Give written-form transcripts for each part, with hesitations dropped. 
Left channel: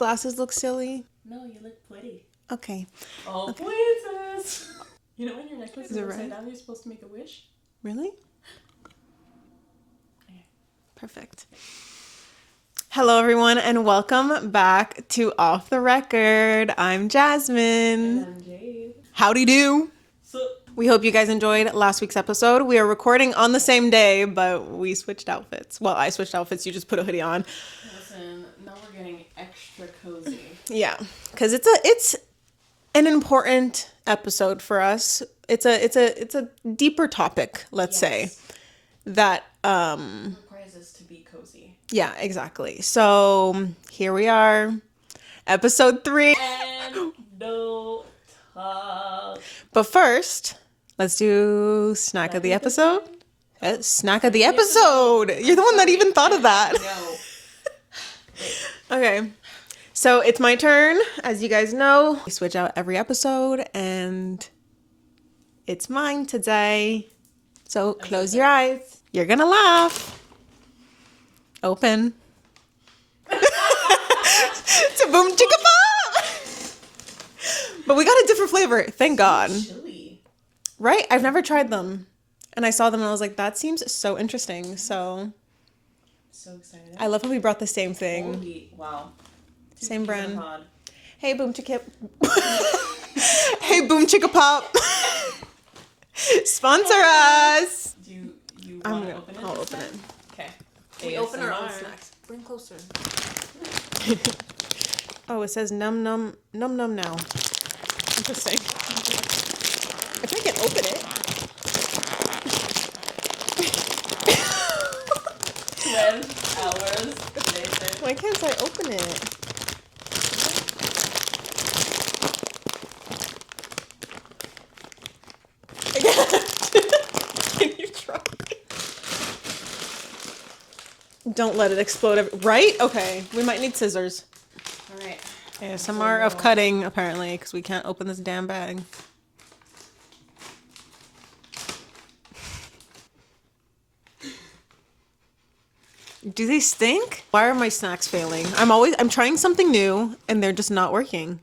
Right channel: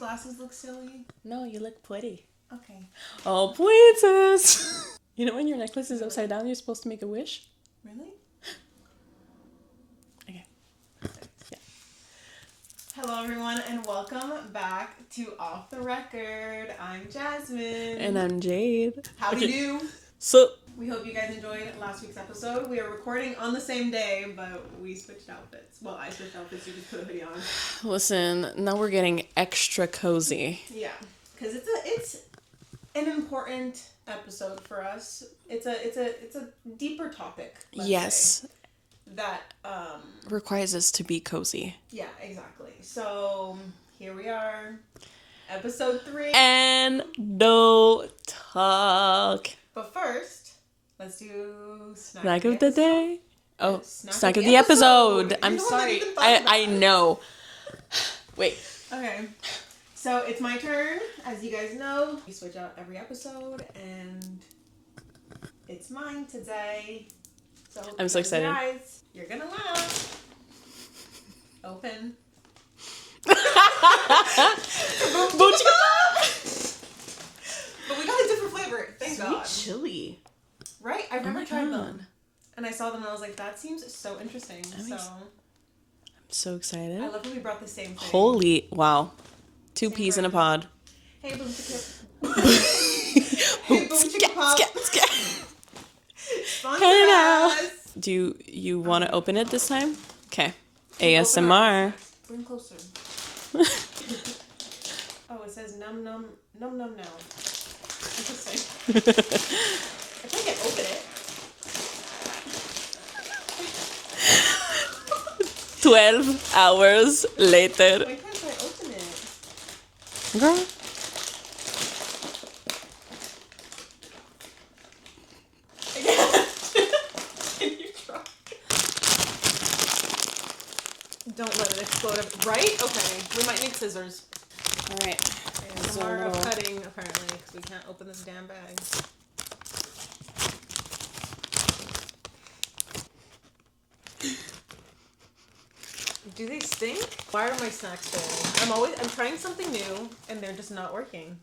glasses look silly? No, you look pretty. Okay. Oh, princess! You know when your necklace is upside down, you're supposed to make a wish? Really? Okay. Perfect. Yeah. Hello, everyone, and welcome back to Off the Record. I'm Jasmine. And I'm Jade. Howdy do. So, we hope you guys enjoyed last week's episode. We are recording on the same day, but we switched outfits. Well, I switched outfits. You just put a hoodie on. listen, now we're getting extra cozy. Yeah, because it's an important episode for us. It's a deeper topic, let's say, that requires us to be cozy. Yeah, exactly. So here we are, episode 3, Endo Talk. But first, let's do snack of the episode. Snack of the episode. You're the one that even thought of that. I know. Wait. Okay. So it's my turn. As you guys know, we switch out every episode, and it's mine today. So close your eyes. You're gonna laugh. Open. It's a boom chicka pop. But we got a different flavor. Thank God. Chili. Right? I've never tried them. And I saw them and I was like, that seems so interesting. So I'm so excited. I love how we brought the same thing. Holy wow. Two Same peas brand. in a pod. Hey, boom chicka. Hey, boom chicka pop. Sponsor us. Do you want to open it this time? Okay. Open ASMR. Bring closer. Oh, it says num num num num now. Interesting. I think I can open it. 12 hours later. Why can't I open it? Can you try? Don't let it explode. Right? Okay. We might need scissors. All right. ASMR of cutting, apparently, because we can't open this damn bag. Do they stink? Why are my snacks failing? I'm trying something new, and they're just not working.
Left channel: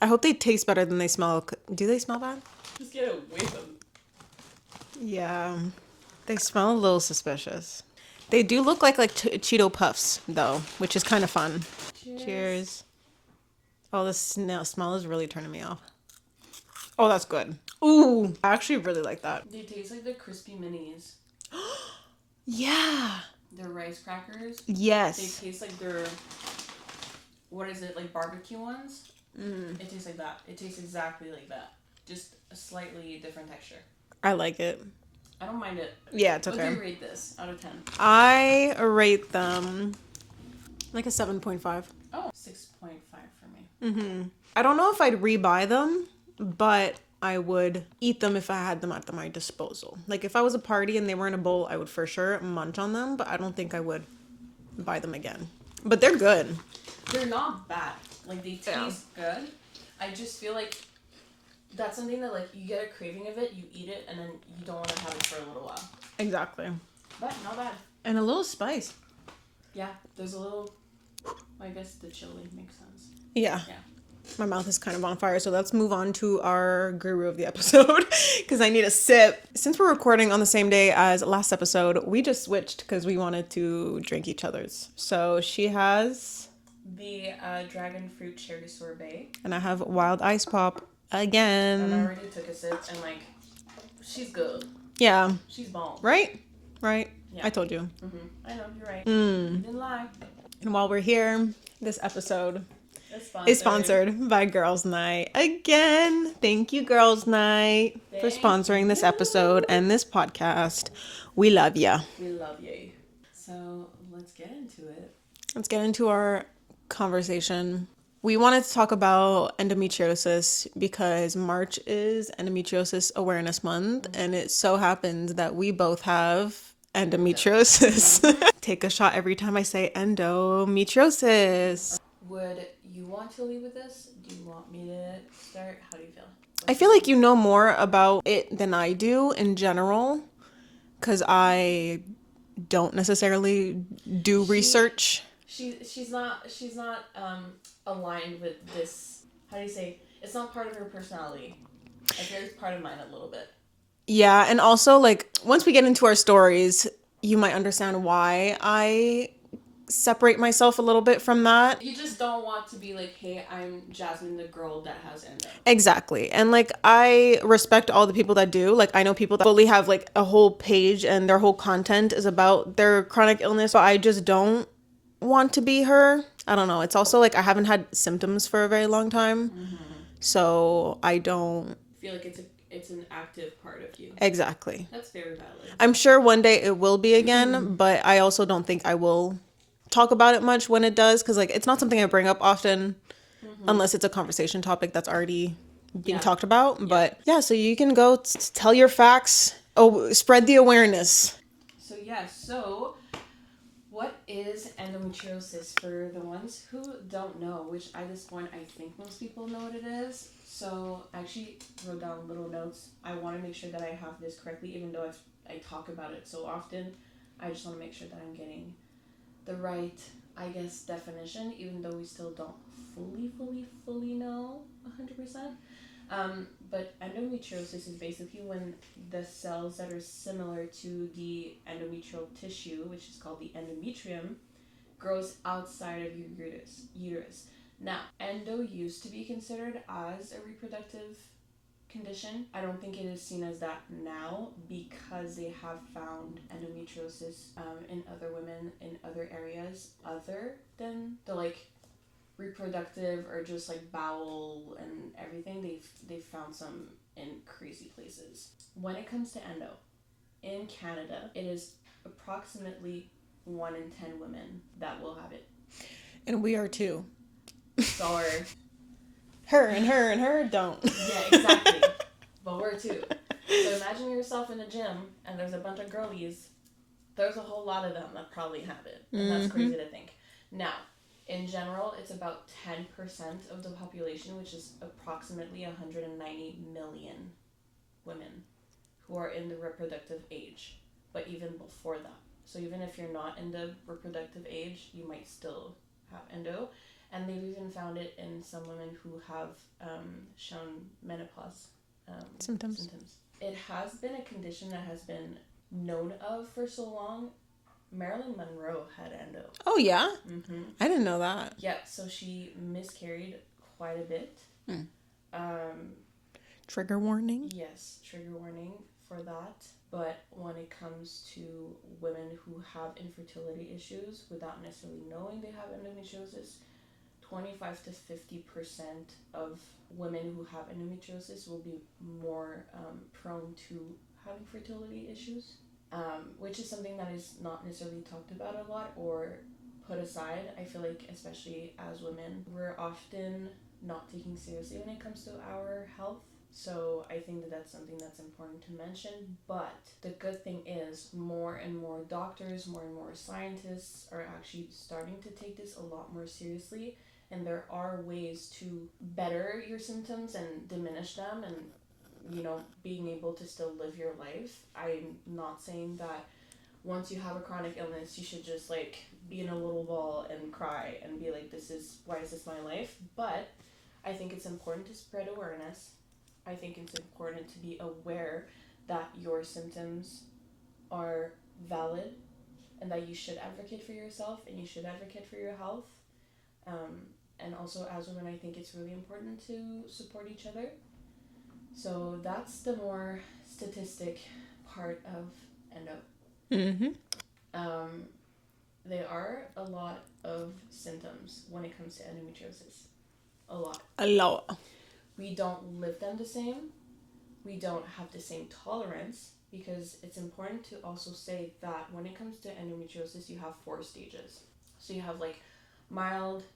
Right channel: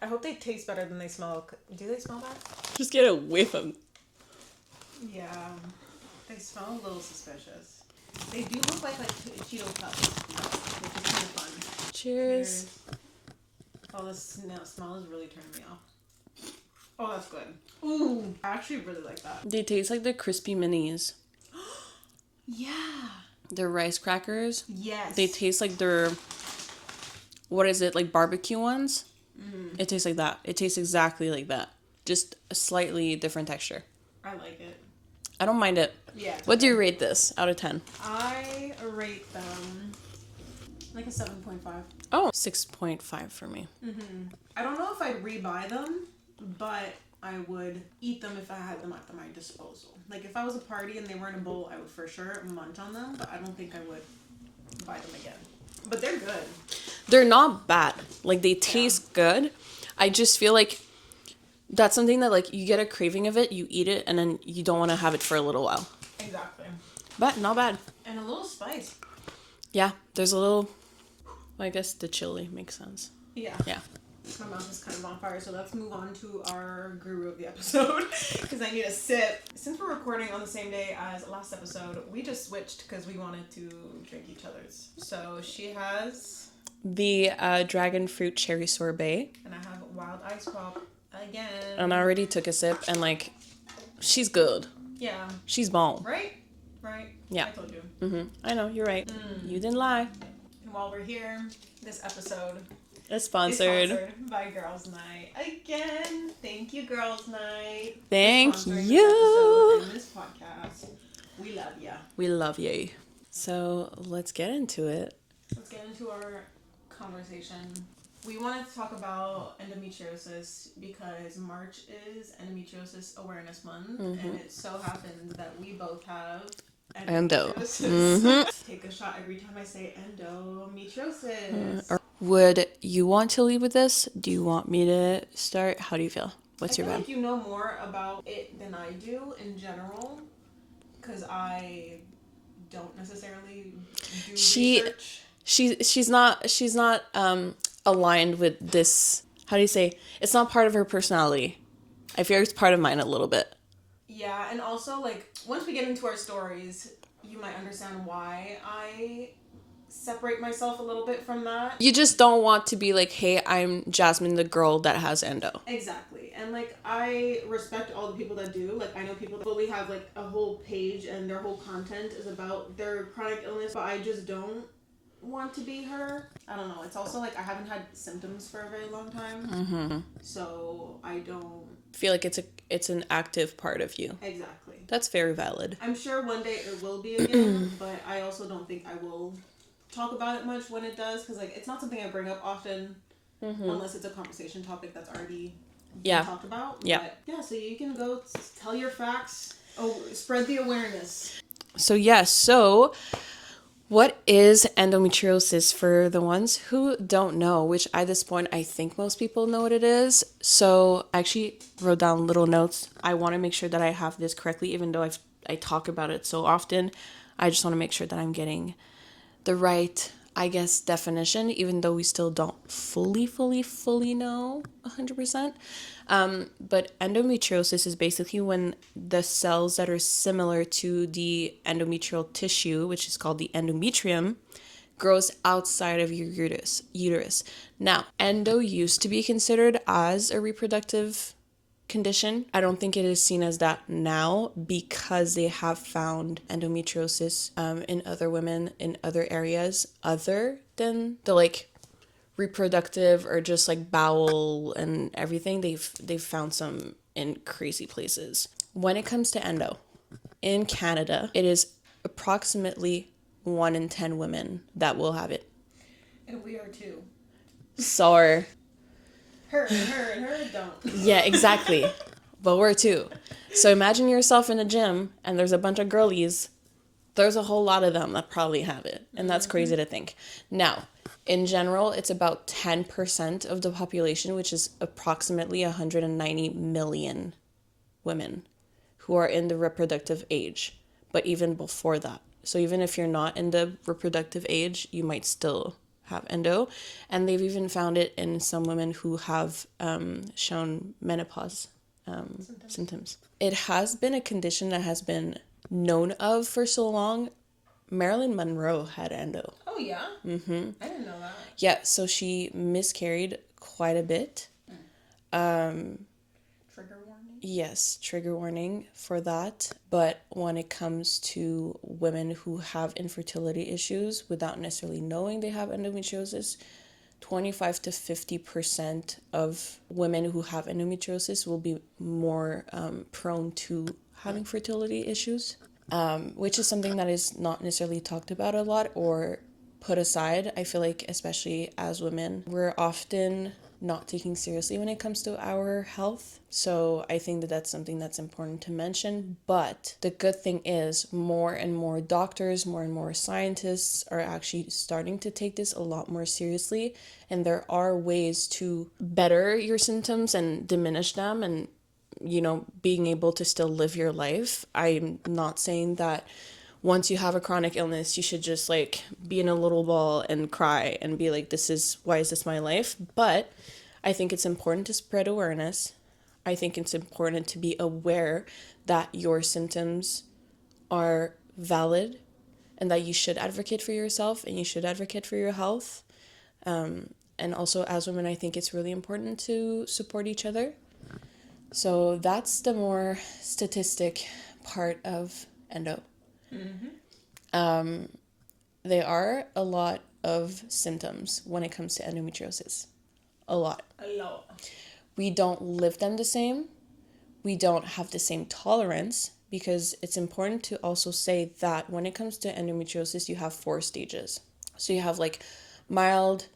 I hope they taste better than they smell. Do they smell bad? Just get a whiff of them. Yeah. They smell a little suspicious. They do look like Cheeto Puffs, though, which is kind of fun. Cheers. Oh, the smell is really turning me off. Oh, that's good. Ooh. I actually really like that. They taste like the crispy minis. Yeah. They're rice crackers. Yes. They taste like they're, what is it, like barbecue ones? It tastes like that. It tastes exactly like that. Just a slightly different texture. I like it. I don't mind it. Yeah, it's okay. What do you rate this out of 10? I rate them like a 7.5. Oh, 6.5 for me. Mm-hmm. I don't know if I'd rebuy them, but I would eat them if I had them at my disposal. Like if I was a party and they were in a bowl, I would for sure munch on them, but I don't think I would buy them again. But they're good. They're not bad. Like they taste good. I just feel like that's something that like you get a craving of it, you eat it, and then you don't want to have it for a little while. Exactly. But not bad. And a little spice. Yeah, there's a little, I guess the chili makes sense. Yeah. Yeah. My mouth is kind of on fire, so let's move on to our guru of the episode because I need a sip. Since we're recording on the same day as last episode, we just switched because we wanted to drink each other's. So she has the dragon fruit cherry sorbet, and I have wild ice pop again. and I already took a sip, and like, she's good. Yeah, She's bomb. right. Yeah, I told you. I know, you're right. You didn't lie. And while we're here, this episode It's is sponsored by Girls Night again. Thank you, Girls Night, Thank for sponsoring this you. episode and this podcast. We love ya. We love you. So let's get into it. Let's get into our conversation. We wanted to talk about endometriosis because March is Endometriosis Awareness Month, and it so happens that we both have endometriosis. Take a shot every time I say endometriosis. Would you want to lead with this? Do you want me to start? How do you feel? I feel like you know more about it than I do in general, because I don't necessarily do research. She's not aligned with this. How do you say? It's not part of her personality. I feel it's part of mine a little bit. Yeah, and also, like, once we get into our stories, you might understand why I separate myself a little bit from that. You just don't want to be like, hey, I'm Jasmine, the girl that has endo. Exactly. And, like, I respect all the people that do. Like, I know people that fully have, like, a whole page and their whole content is about their chronic illness, but I just don't want to be her. I don't know. It's also, like, I haven't had symptoms for a very long time. So I don't Feel like it's an active part of you. exactly. That's very valid. I'm sure one day it will be again, but I also don't think I will talk about it much when it does, because, like, it's not something I bring up often unless it's a conversation topic that's already being talked about. Yeah. But yeah, so you can go tell your facts. Oh, spread the awareness. So yes, so what is endometriosis for the ones who don't know, which at this point I think most people know what it is. So I actually wrote down little notes. I want to make sure that I have this correctly, even though I talk about it so often. I just want to make sure that I'm getting the right, I guess, definition, even though we still don't fully know 100%. But endometriosis is basically when the cells that are similar to the endometrial tissue, which is called the endometrium, grows outside of your uterus. Now, endo used to be considered as a reproductive condition. I don't think it is seen as that now because they have found endometriosis in other women in other areas other than the like reproductive or just like bowel and everything. They've found some in crazy places. When it comes to endo in Canada, it is approximately 1 in 10 women that will have it. And we are too. So Her and her don't. yeah, exactly. But we're two. So imagine yourself in a gym and there's a bunch of girlies. There's a whole lot of them that probably have it. And that's crazy to think. Now, in general, it's about 10% of the population, which is approximately 190 million women who are in the reproductive age. But even before that. So even if you're not in the reproductive age, you might still have endo. And they've even found it in some women who have shown menopause symptoms. It has been a condition that has been known of for so long. Marilyn Monroe had endo. Oh, yeah? Mm-hmm. I didn't know that. Yeah, so she miscarried quite a bit. Trigger warning? Yes, trigger warning for that. But when it comes to women who have infertility issues without necessarily knowing they have endometriosis, 25 to 50% of women who have endometriosis will be more prone to having fertility issues, which is something that is not necessarily talked about a lot or put aside. I feel like, especially as women, we're often not taking seriously when it comes to our health. So I think that that's something that's important to mention. But the good thing is more and more doctors, more and more scientists are actually starting to take this a lot more seriously. And there are ways to better your symptoms and diminish them and, you know, being able to still live your life. I'm not saying that once you have a chronic illness, you should just like be in a little ball and cry and be like, why is this my life? But I think it's important to spread awareness. I think it's important to be aware that your symptoms are valid and that you should advocate for yourself and you should advocate for your health. And also as women, I think it's really important to support each other. So that's the more statistic part of endo. There are a lot of symptoms when it comes to endometriosis. A lot. We don't live them the same. We don't have the same tolerance, because it's important to also say that when it comes to endometriosis, you have 4 stages. So you have like mild,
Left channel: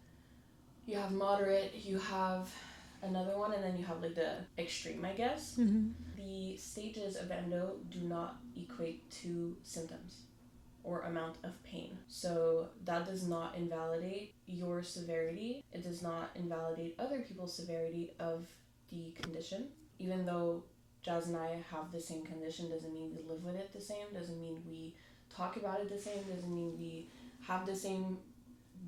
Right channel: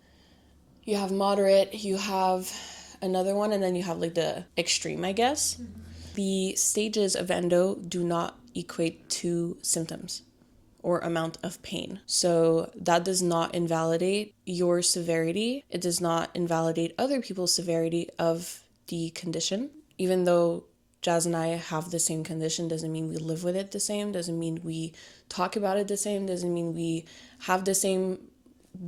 you have moderate, you have another one, and then you have like the extreme, I guess. The stages of endo do not equate to symptoms or amount of pain. So that does not invalidate your severity. It does not invalidate other people's severity of the condition. Even though Jazz and I have the same condition, doesn't mean we live with it the same, doesn't mean we talk about it the same, doesn't mean we have the same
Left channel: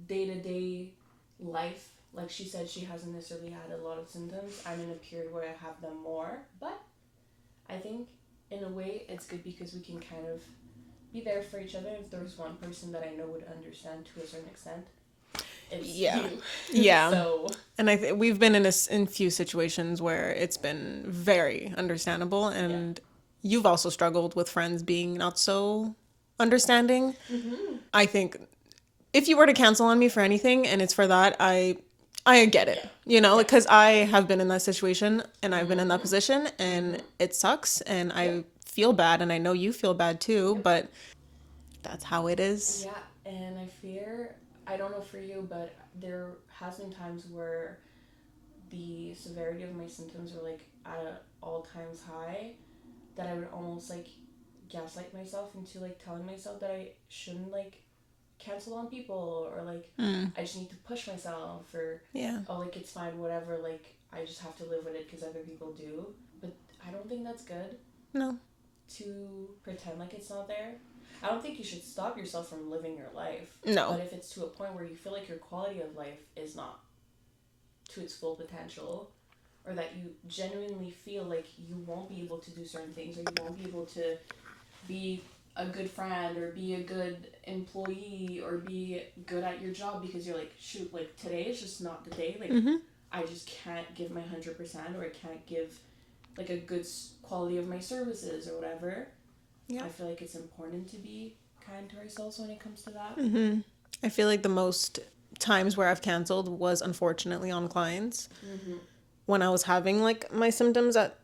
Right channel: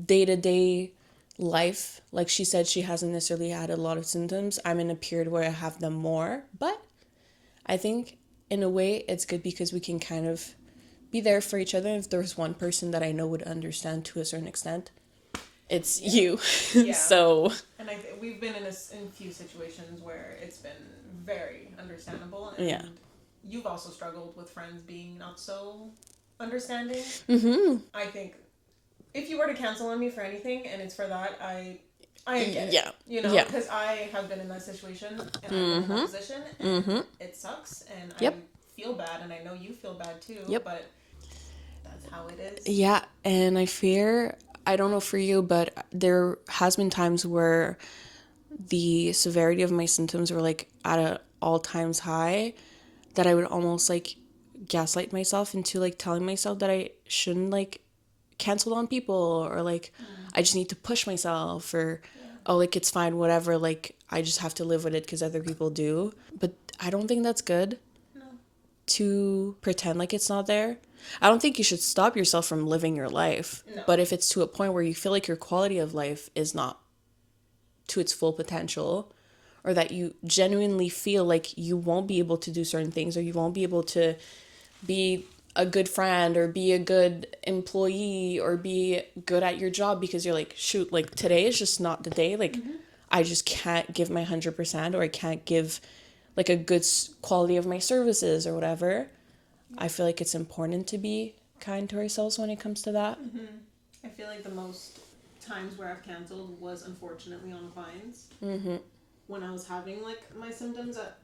day-to-day life. Like she said, she hasn't necessarily had a lot of symptoms. I'm in a period where I have them more, but I think in a way it's good because we can kind of be there for each other. If there's one person that I know would understand to a certain extent, it's you. Yeah. So, and we've been in few situations where it's been very understandable, and you've also struggled with friends being not so understanding. I think if you were to cancel on me for anything and it's for that, I get it. Yeah. You know, because I have been in that situation and I've been in that position, and it sucks, and I feel bad, and I know you feel bad too, but that's how it is. Yeah, and I don't know for you, but there has been times where the severity of my symptoms were like at an all times high, that I would almost like gaslight myself into like telling myself that I shouldn't like cancel on people, or like I just need to push myself, or oh, like it's fine, whatever, like I just have to live with it because other people do. But I don't think that's good. No. To pretend like it's not there. I don't think you should stop yourself from living your life. No. But if it's to a point where you feel like your quality of life is not to its full potential, or that you genuinely feel like you won't be able to do certain things, or you won't be able to be a good friend, or be a good employee, or be good at your job because you're like, shoot, like today is just not the day. Like I just can't give my 100%, or I can't give like a good quality of my services or whatever. I feel like it's important to be kind to ourselves when it comes to that. I feel like the most times where I've canceled was unfortunately on clients. When I was having like my symptoms at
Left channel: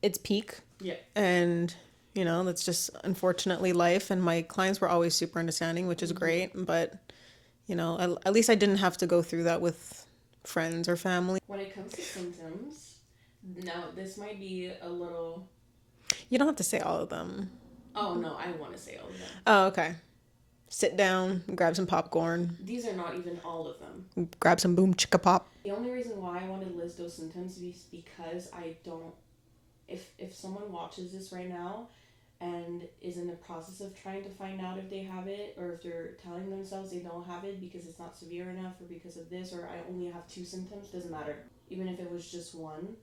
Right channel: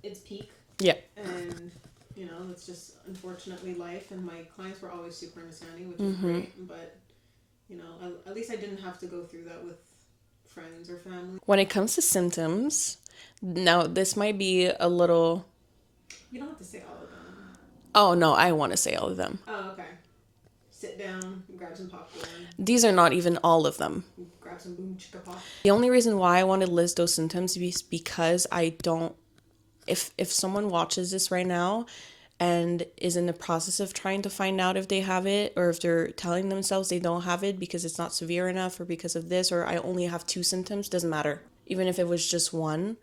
its peak. Yeah. And, you know, that's just unfortunately life. And my clients were always super understanding, which is great. But, you know, at least I didn't have to go through that with friends or family. When it comes to symptoms, now this might be a little... You don't have to say all of them. Oh, no, I want to say all of them. Oh, okay. Sit down, grab some popcorn. These are not even all of them. Grab some boom chicka pop. The only reason why I want to list those symptoms is because I don't... If someone watches this right now and is in the process of trying to find out if they have it, or if they're telling themselves they don't have it because it's not severe enough, or because of this, or I only have 2 symptoms, doesn't matter. Even if it was just one,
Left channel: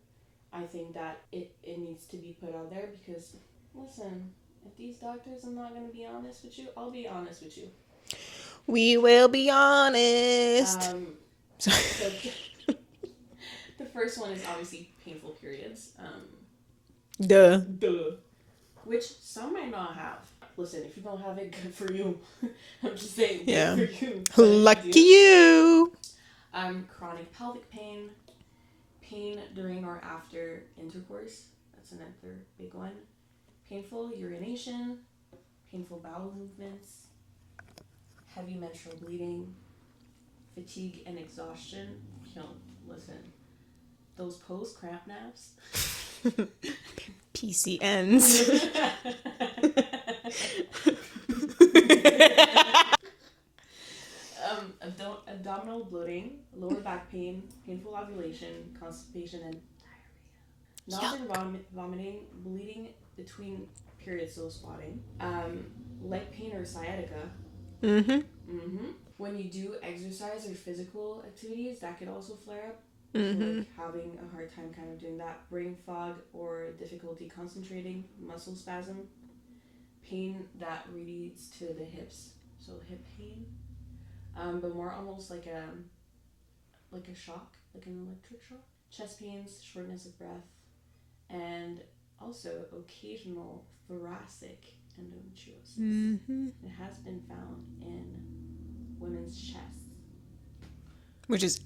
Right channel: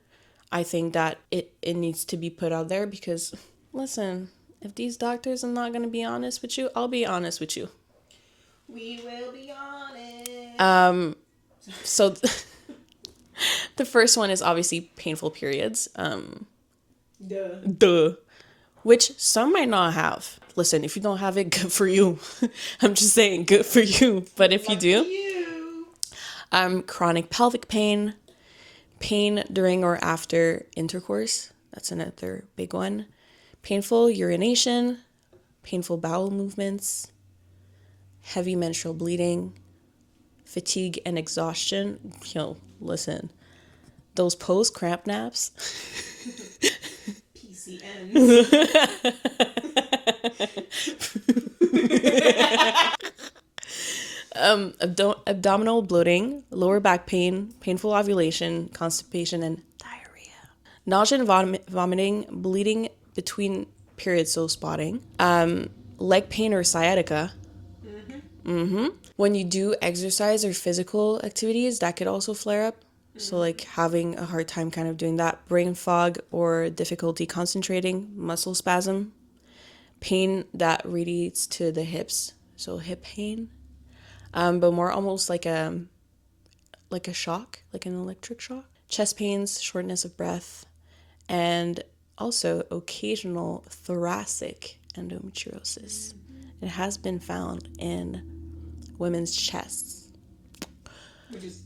I think that it needs to be put out there because, listen... If these doctors are not going to be honest with you, I'll be honest with you. We will be honest. So the first one is obviously painful periods. Duh. Which some might not have. Listen, if you don't have it, good for you. I'm just saying, good for you. But if Lucky you do, chronic pelvic pain during or after intercourse. That's another big one. Painful urination, painful bowel movements, heavy menstrual bleeding, fatigue and exhaustion. Yo, listen, those post-cramp naps. PCNs. Abdominal bloating, lower back pain, painful ovulation, constipation, and diarrhea. Nausea and vomiting, bleeding between periods, so spotting. Leg pain or sciatica. When you do exercise or physical activities, that could also flare up. So like having a hard time kind of doing that. Brain fog or difficulty concentrating, muscle spasm. Pain that relates to the hips, so hip pain. But more almost like a shock, like an electric shock. Chest pains, shortness of breath, and also occasional thoracic endometriosis. It has been found in women's chests. Which is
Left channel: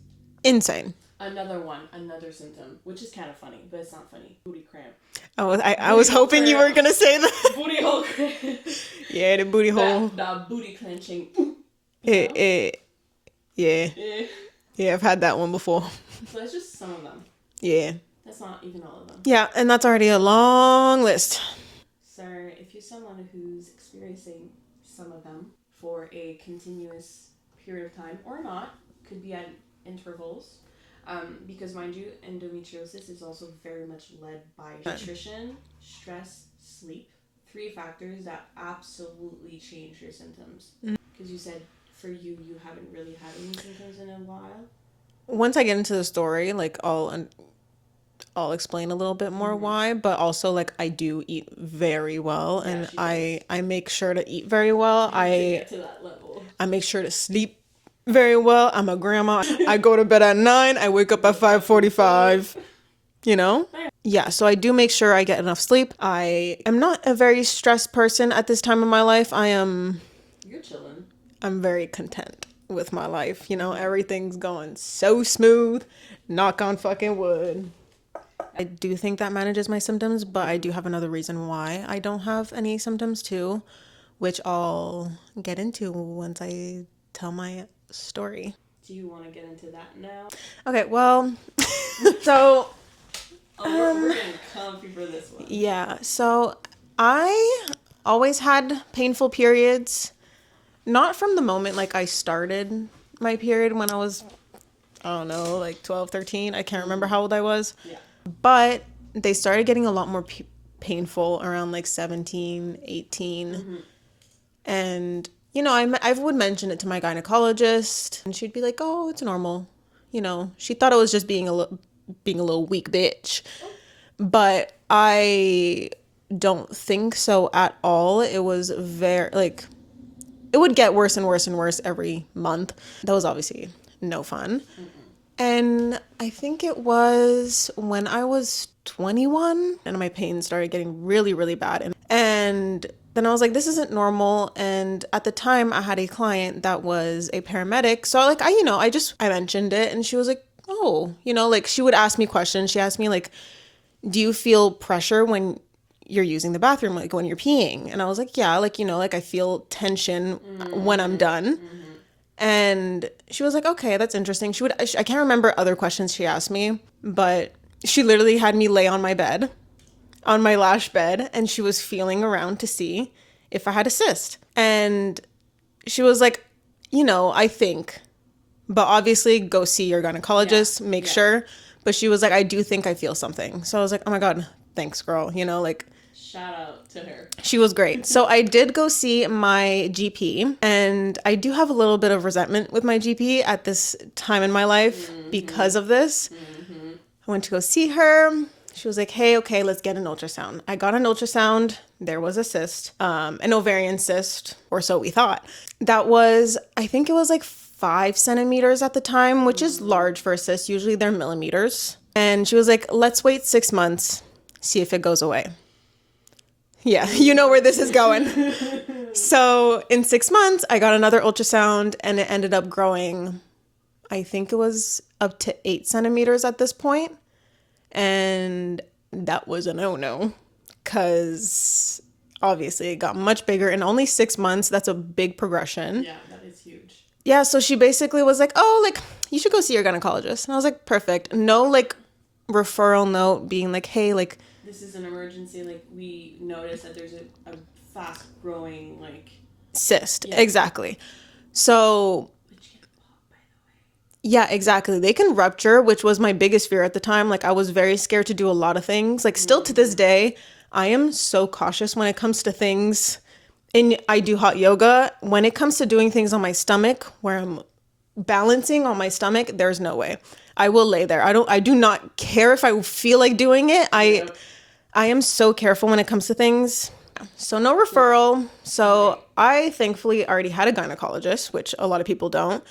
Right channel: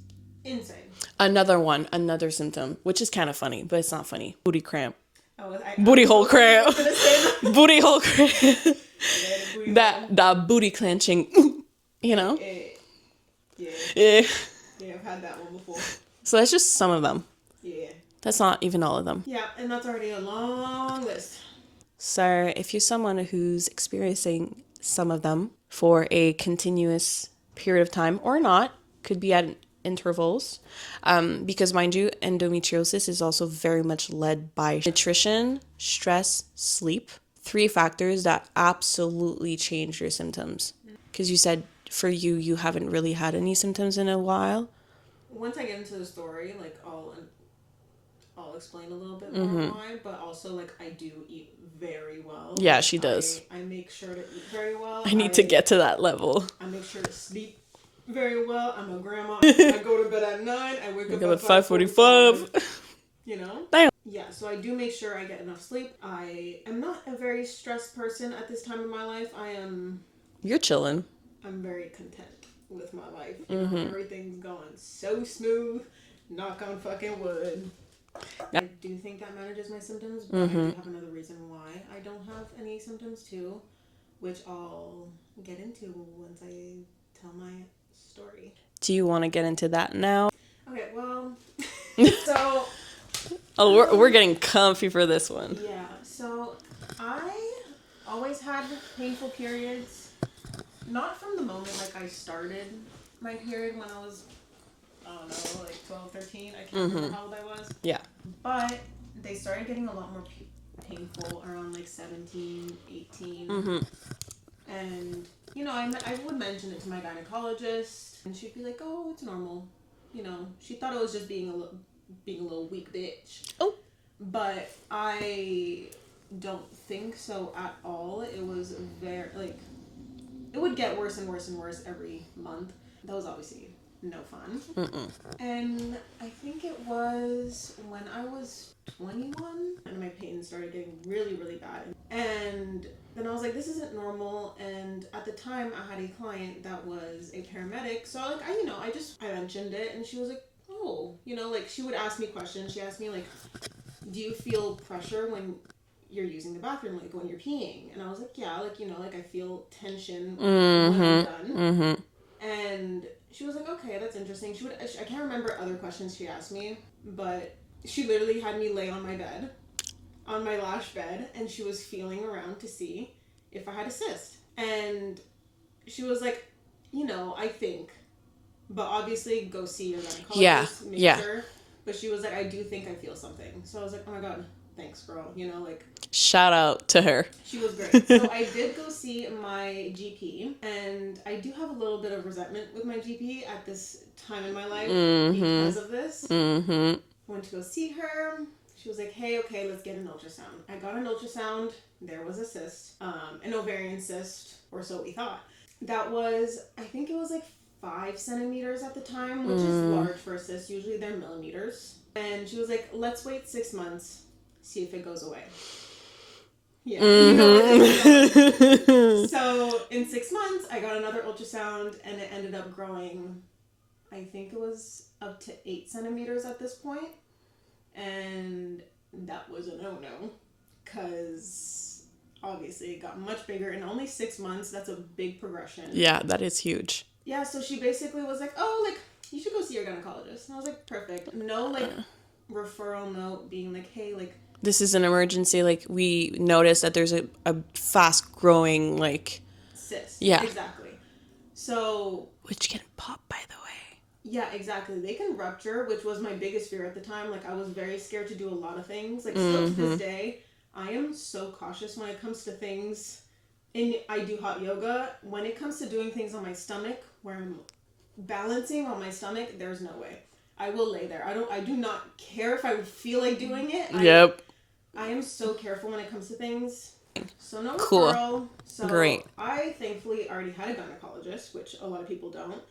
insane. Another symptom, which is kind of funny, but it's not funny. Booty cramp. I was hoping you were going to say that. Booty hole cramp. Yeah, the booty hole. That booty clenching. You know? Yeah, I've had that one before. So that's just some of them. Yeah. That's not even all of them. Yeah, and that's already a long list. So if you're someone who's experiencing some of them for a continuous period of time or not, could be at intervals, because mind you, endometriosis is also very much led by nutrition, stress, sleep. 3 factors that absolutely change your symptoms. Because you said for you haven't really had any symptoms in a while. once I get into the story, like I'll explain a little bit more why, but also like I do eat very well. Yeah, and she does. I make sure to eat very well. I need to get to that level. I make sure to sleep very well. I'm a grandma. I go to bed at 9. I wake up at 5:45. You know? Damn. Yeah, so I do make sure I get enough sleep. I am not a very stressed person at this time of my life. You're chilling. I'm very content with my life. You know, everything's going so smooth. Knock on fucking wood. I do think that manages my symptoms, but I do have another reason why I don't have any symptoms too, which I'll get into once I tell my story. Do you want to get into that now? Okay, well, so... Oh, we're getting comfy for this one. Yeah, so I always had painful periods. Not from the moment, like, I started my period when I was, I don't know, like 12, 13. I can't remember how old I was. Yeah. But they started getting a lot more painful around, like, 17, 18. And, you know, I would mention it to my gynecologist, and she'd be like, oh, it's normal. You know, she thought it was just being a little weak bitch. Oh. But I don't think so at all. It was very, like, it would get worse and worse and worse every month. That was obviously no fun. And I think it was when I was 21 and my pain started getting really, really bad. And then I was like, this isn't normal. And at the time I had a client that was a paramedic. So like, I mentioned it and she was like, oh, you know, like she would ask me questions. She asked me like, do you feel pressure when you're using the bathroom, like when you're peeing? And I was like, yeah, like, you know, like I feel tension when I'm done. And she was like, okay, that's interesting. I can't remember other questions she asked me, but she literally had me lay on my bed, on my lash bed, and she was feeling around to see if I had a cyst. And she was like, you know, I think, but obviously go see your gynecologist, make sure. But she was like, I do think I feel something. So I was like, oh my God, thanks, girl. You know, like, shout out to her. She was great. So I did go see my GP, and I do have a little bit of resentment with my GP at this time in my life because of this. I went to go see her. She was like, hey, okay, let's get an ultrasound. I got an ultrasound. There was a cyst, an ovarian cyst, or so we thought. That was, I think it was like 5 centimeters at the time, which is large for a cyst. Usually they're millimeters. And she was like, let's wait 6 months, see if it goes away. Yeah, you know where this is going. So in 6 months, I got another ultrasound and it ended up growing, I think it was up to 8 centimeters at this point. And that was a no-no because obviously it got much bigger in only 6 months. That's a big progression. Yeah, that is huge. Yeah, so she basically was like, oh, like, you should go see your gynecologist. And I was like, perfect. No, like, referral note being like, hey, like, this is an emergency. Like, we noticed that there's a fast growing, like, cyst. Yeah. Exactly. So. Which can pop, by the way. Yeah, exactly. They can rupture, which was my biggest fear at the time. Like, I was very scared to do a lot of things. Like, still to this day, I am so cautious when it comes to things. And I do hot yoga. When it comes to doing things on my stomach, where I'm balancing on my stomach, there's no way. I will lay there. I do not care if I feel like doing it. I am so careful when it comes to things. So no referral. Cool. So great. I thankfully already had a gynecologist, which a lot of people don't.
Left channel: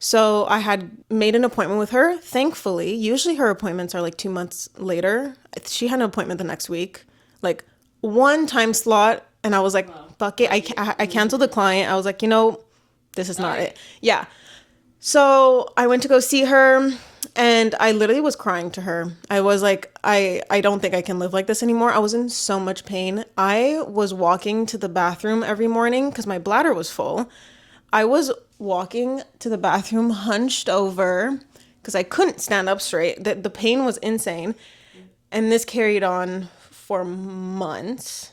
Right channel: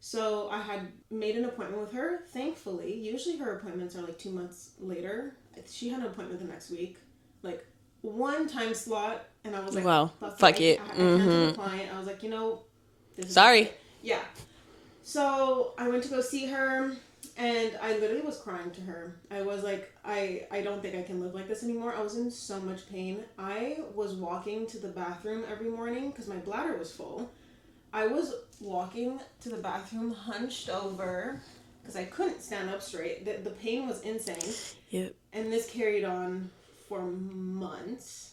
So I had made an appointment with her. Thankfully, usually her appointments are like 2 months later. She had an appointment the next week, like one time slot. And I was like, wow, fuck it. I canceled the client. I was like, you know, this is not it. Yeah. So I went to go see her and I literally was crying to her. I was like, I don't think I can live like this anymore. I was in so much pain. I was walking to the bathroom every morning because my bladder was full. I was walking to the bathroom hunched over because I couldn't stand up straight. The pain was insane. Yep. And this carried on for months.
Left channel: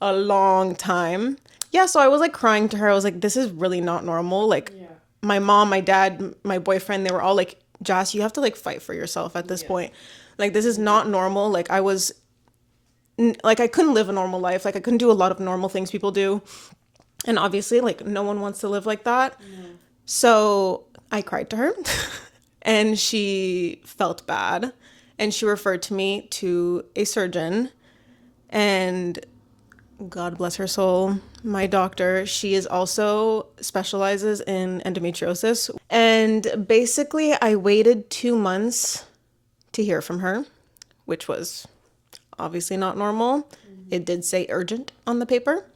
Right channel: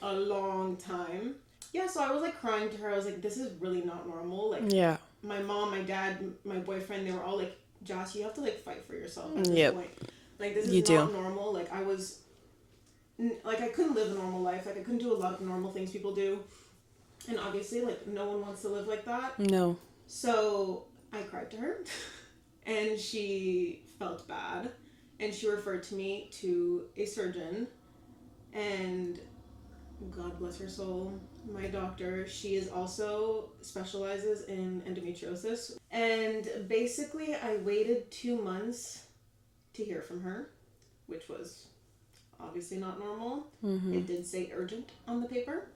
A long time. Yeah, so I was like crying to her. I was like, this is really not normal. Like, yeah. My mom, my dad, my boyfriend, they were all like, Joss, you have to like fight for yourself at this point. Like, this is not normal. Like, I couldn't live a normal life. Like, I couldn't do a lot of normal things people do. And obviously, like, no one wants to live like that. No. So I cried to her and she felt bad, and she referred to me to a surgeon. And God bless her soul, my doctor, she is also specializes in endometriosis. And basically, I waited 2 months to hear from her, which was obviously not normal. It did say urgent on the paper,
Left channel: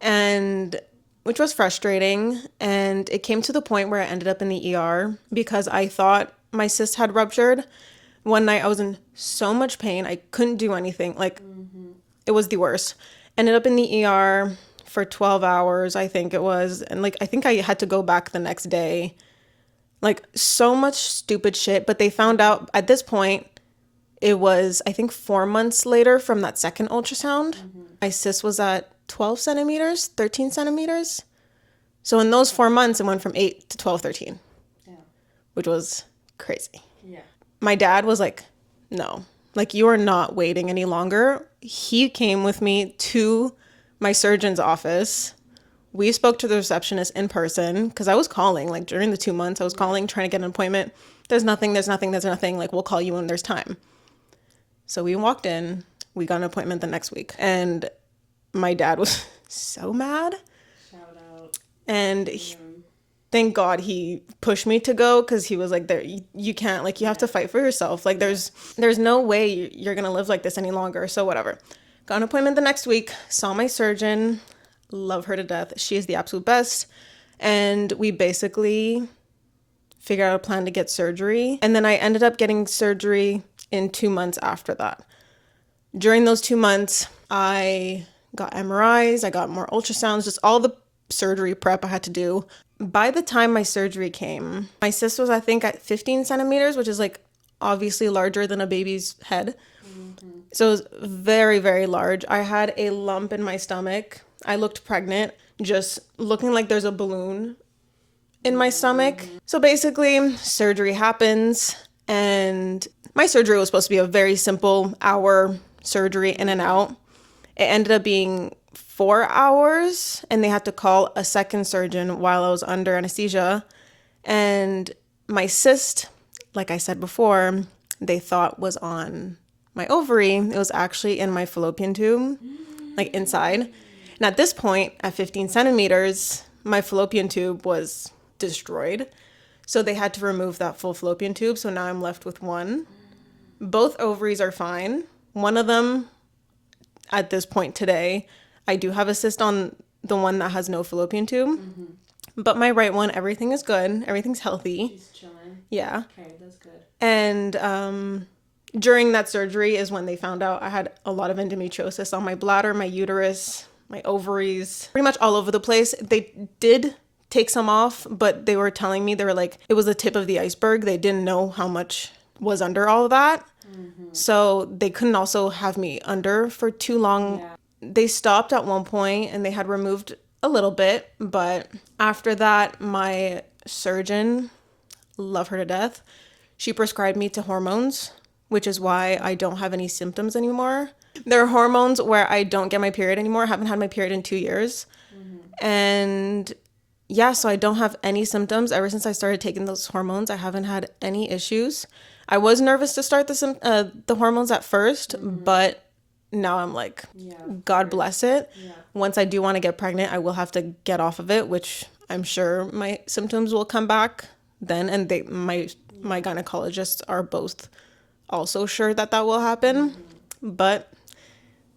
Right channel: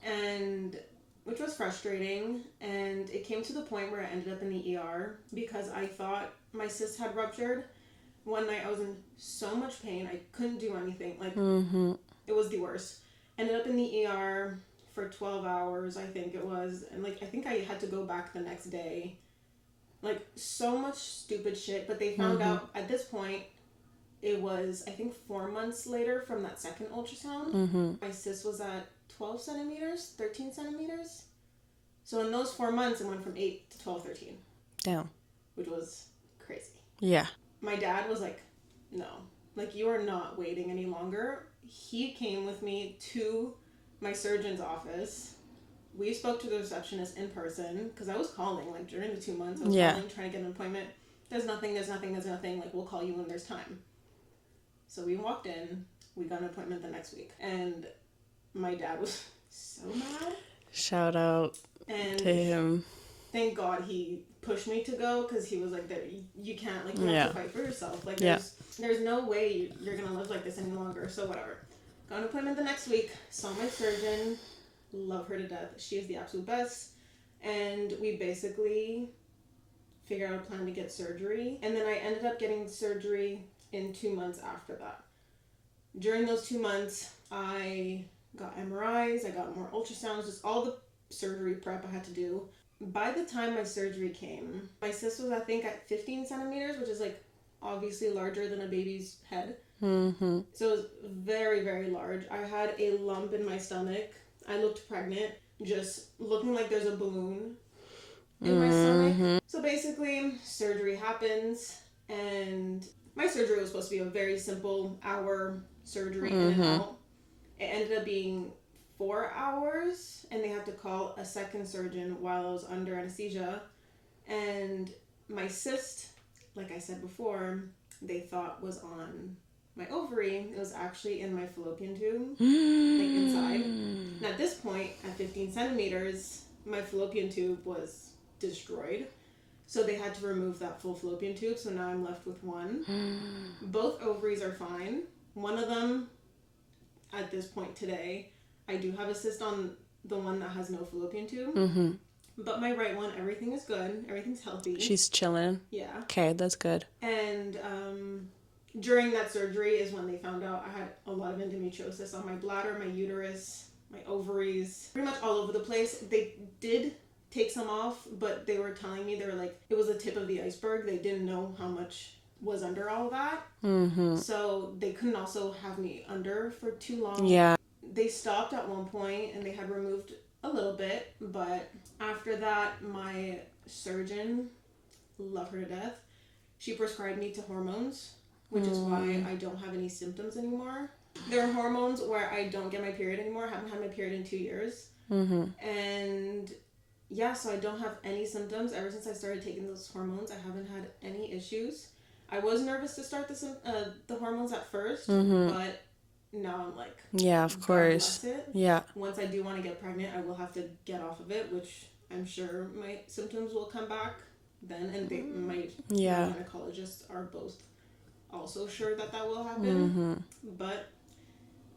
and which was frustrating. And it came to the point where I ended up in the ER because I thought my cyst had ruptured. One night I was in so much pain, I couldn't do anything. Like, it was the worst. Ended up in the ER for 12 hours, I think it was. And like, I think I had to go back the next day. Like, so much stupid shit. But they found out at this point, it was, I think, 4 months later from that second ultrasound. My cyst was at 12 centimeters, 13 centimeters. So in those 4 months, it went from 8 to 12, 13. Damn. Which was crazy. Yeah. My dad was like, no, like, you are not waiting any longer. He came with me to my surgeon's office. We spoke to the receptionist in person because I was calling, like, during the 2 months, I was calling, trying to get an appointment. There's nothing. Like, we'll call you when there's time. So we walked in, we got an appointment the next week, and my dad was so mad. Shout out. And thank God he pushed me to go, because he was like, "There, you can't, like, you have to fight for yourself. Like, there's no way you're gonna live like this any longer." So whatever. Got an appointment the next week. Saw my surgeon. Love her to death. She is the absolute best. And we basically figured out a plan to get surgery. And then I ended up getting surgery in 2 months after that. During those 2 months, I got MRIs. I got more ultrasounds. Just all the surgery prep I had to do. By the time my surgery came, my cyst was, I think, at 15 centimeters, which is, like, obviously larger than a baby's head. So it was very, very large. I had a lump in my stomach. I looked pregnant, just looking like there's a balloon in my stomach. So basically, surgery happens, and my surgery was supposed to be a very simple hour surgery in and out. It ended up being 4 hours, and they had to call a second surgeon while I was under anesthesia. And my cyst, like I said before, they thought was on my ovary. It was actually in my fallopian tube, like, inside. And at this point, at 15 centimeters, my fallopian tube was destroyed. So they had to remove that full fallopian tube. So now I'm left with one. Both ovaries are fine. One of them, at this point today, I do have a cyst on the one that has no fallopian tube. But my right one, everything is good. Everything's healthy. She's chilling. Yeah. Okay, that's good. And during that surgery is when they found out I had a lot of endometriosis on my bladder, my uterus, my ovaries, pretty much all over the place. They did take some off, but they were telling me, they were like, it was the tip of the iceberg. They didn't know how much was under all of that. So they couldn't also have me under for too long. Yeah. They stopped at one point and they had removed a little bit, but after that, my surgeon, love her to death, she prescribed me to hormones, which is why I don't have any symptoms anymore. There are hormones where I don't get my period anymore. I haven't had my period in 2 years. And yeah, so I don't have any symptoms. Ever since I started taking those hormones, I haven't had any issues. I was nervous to start the hormones at first, but now I'm like, yeah, of God course. bless it. Yeah. Once I do want to get pregnant, I will have to get off of it, which I'm sure my symptoms will come back then. And my gynecologists are both also sure that will happen. But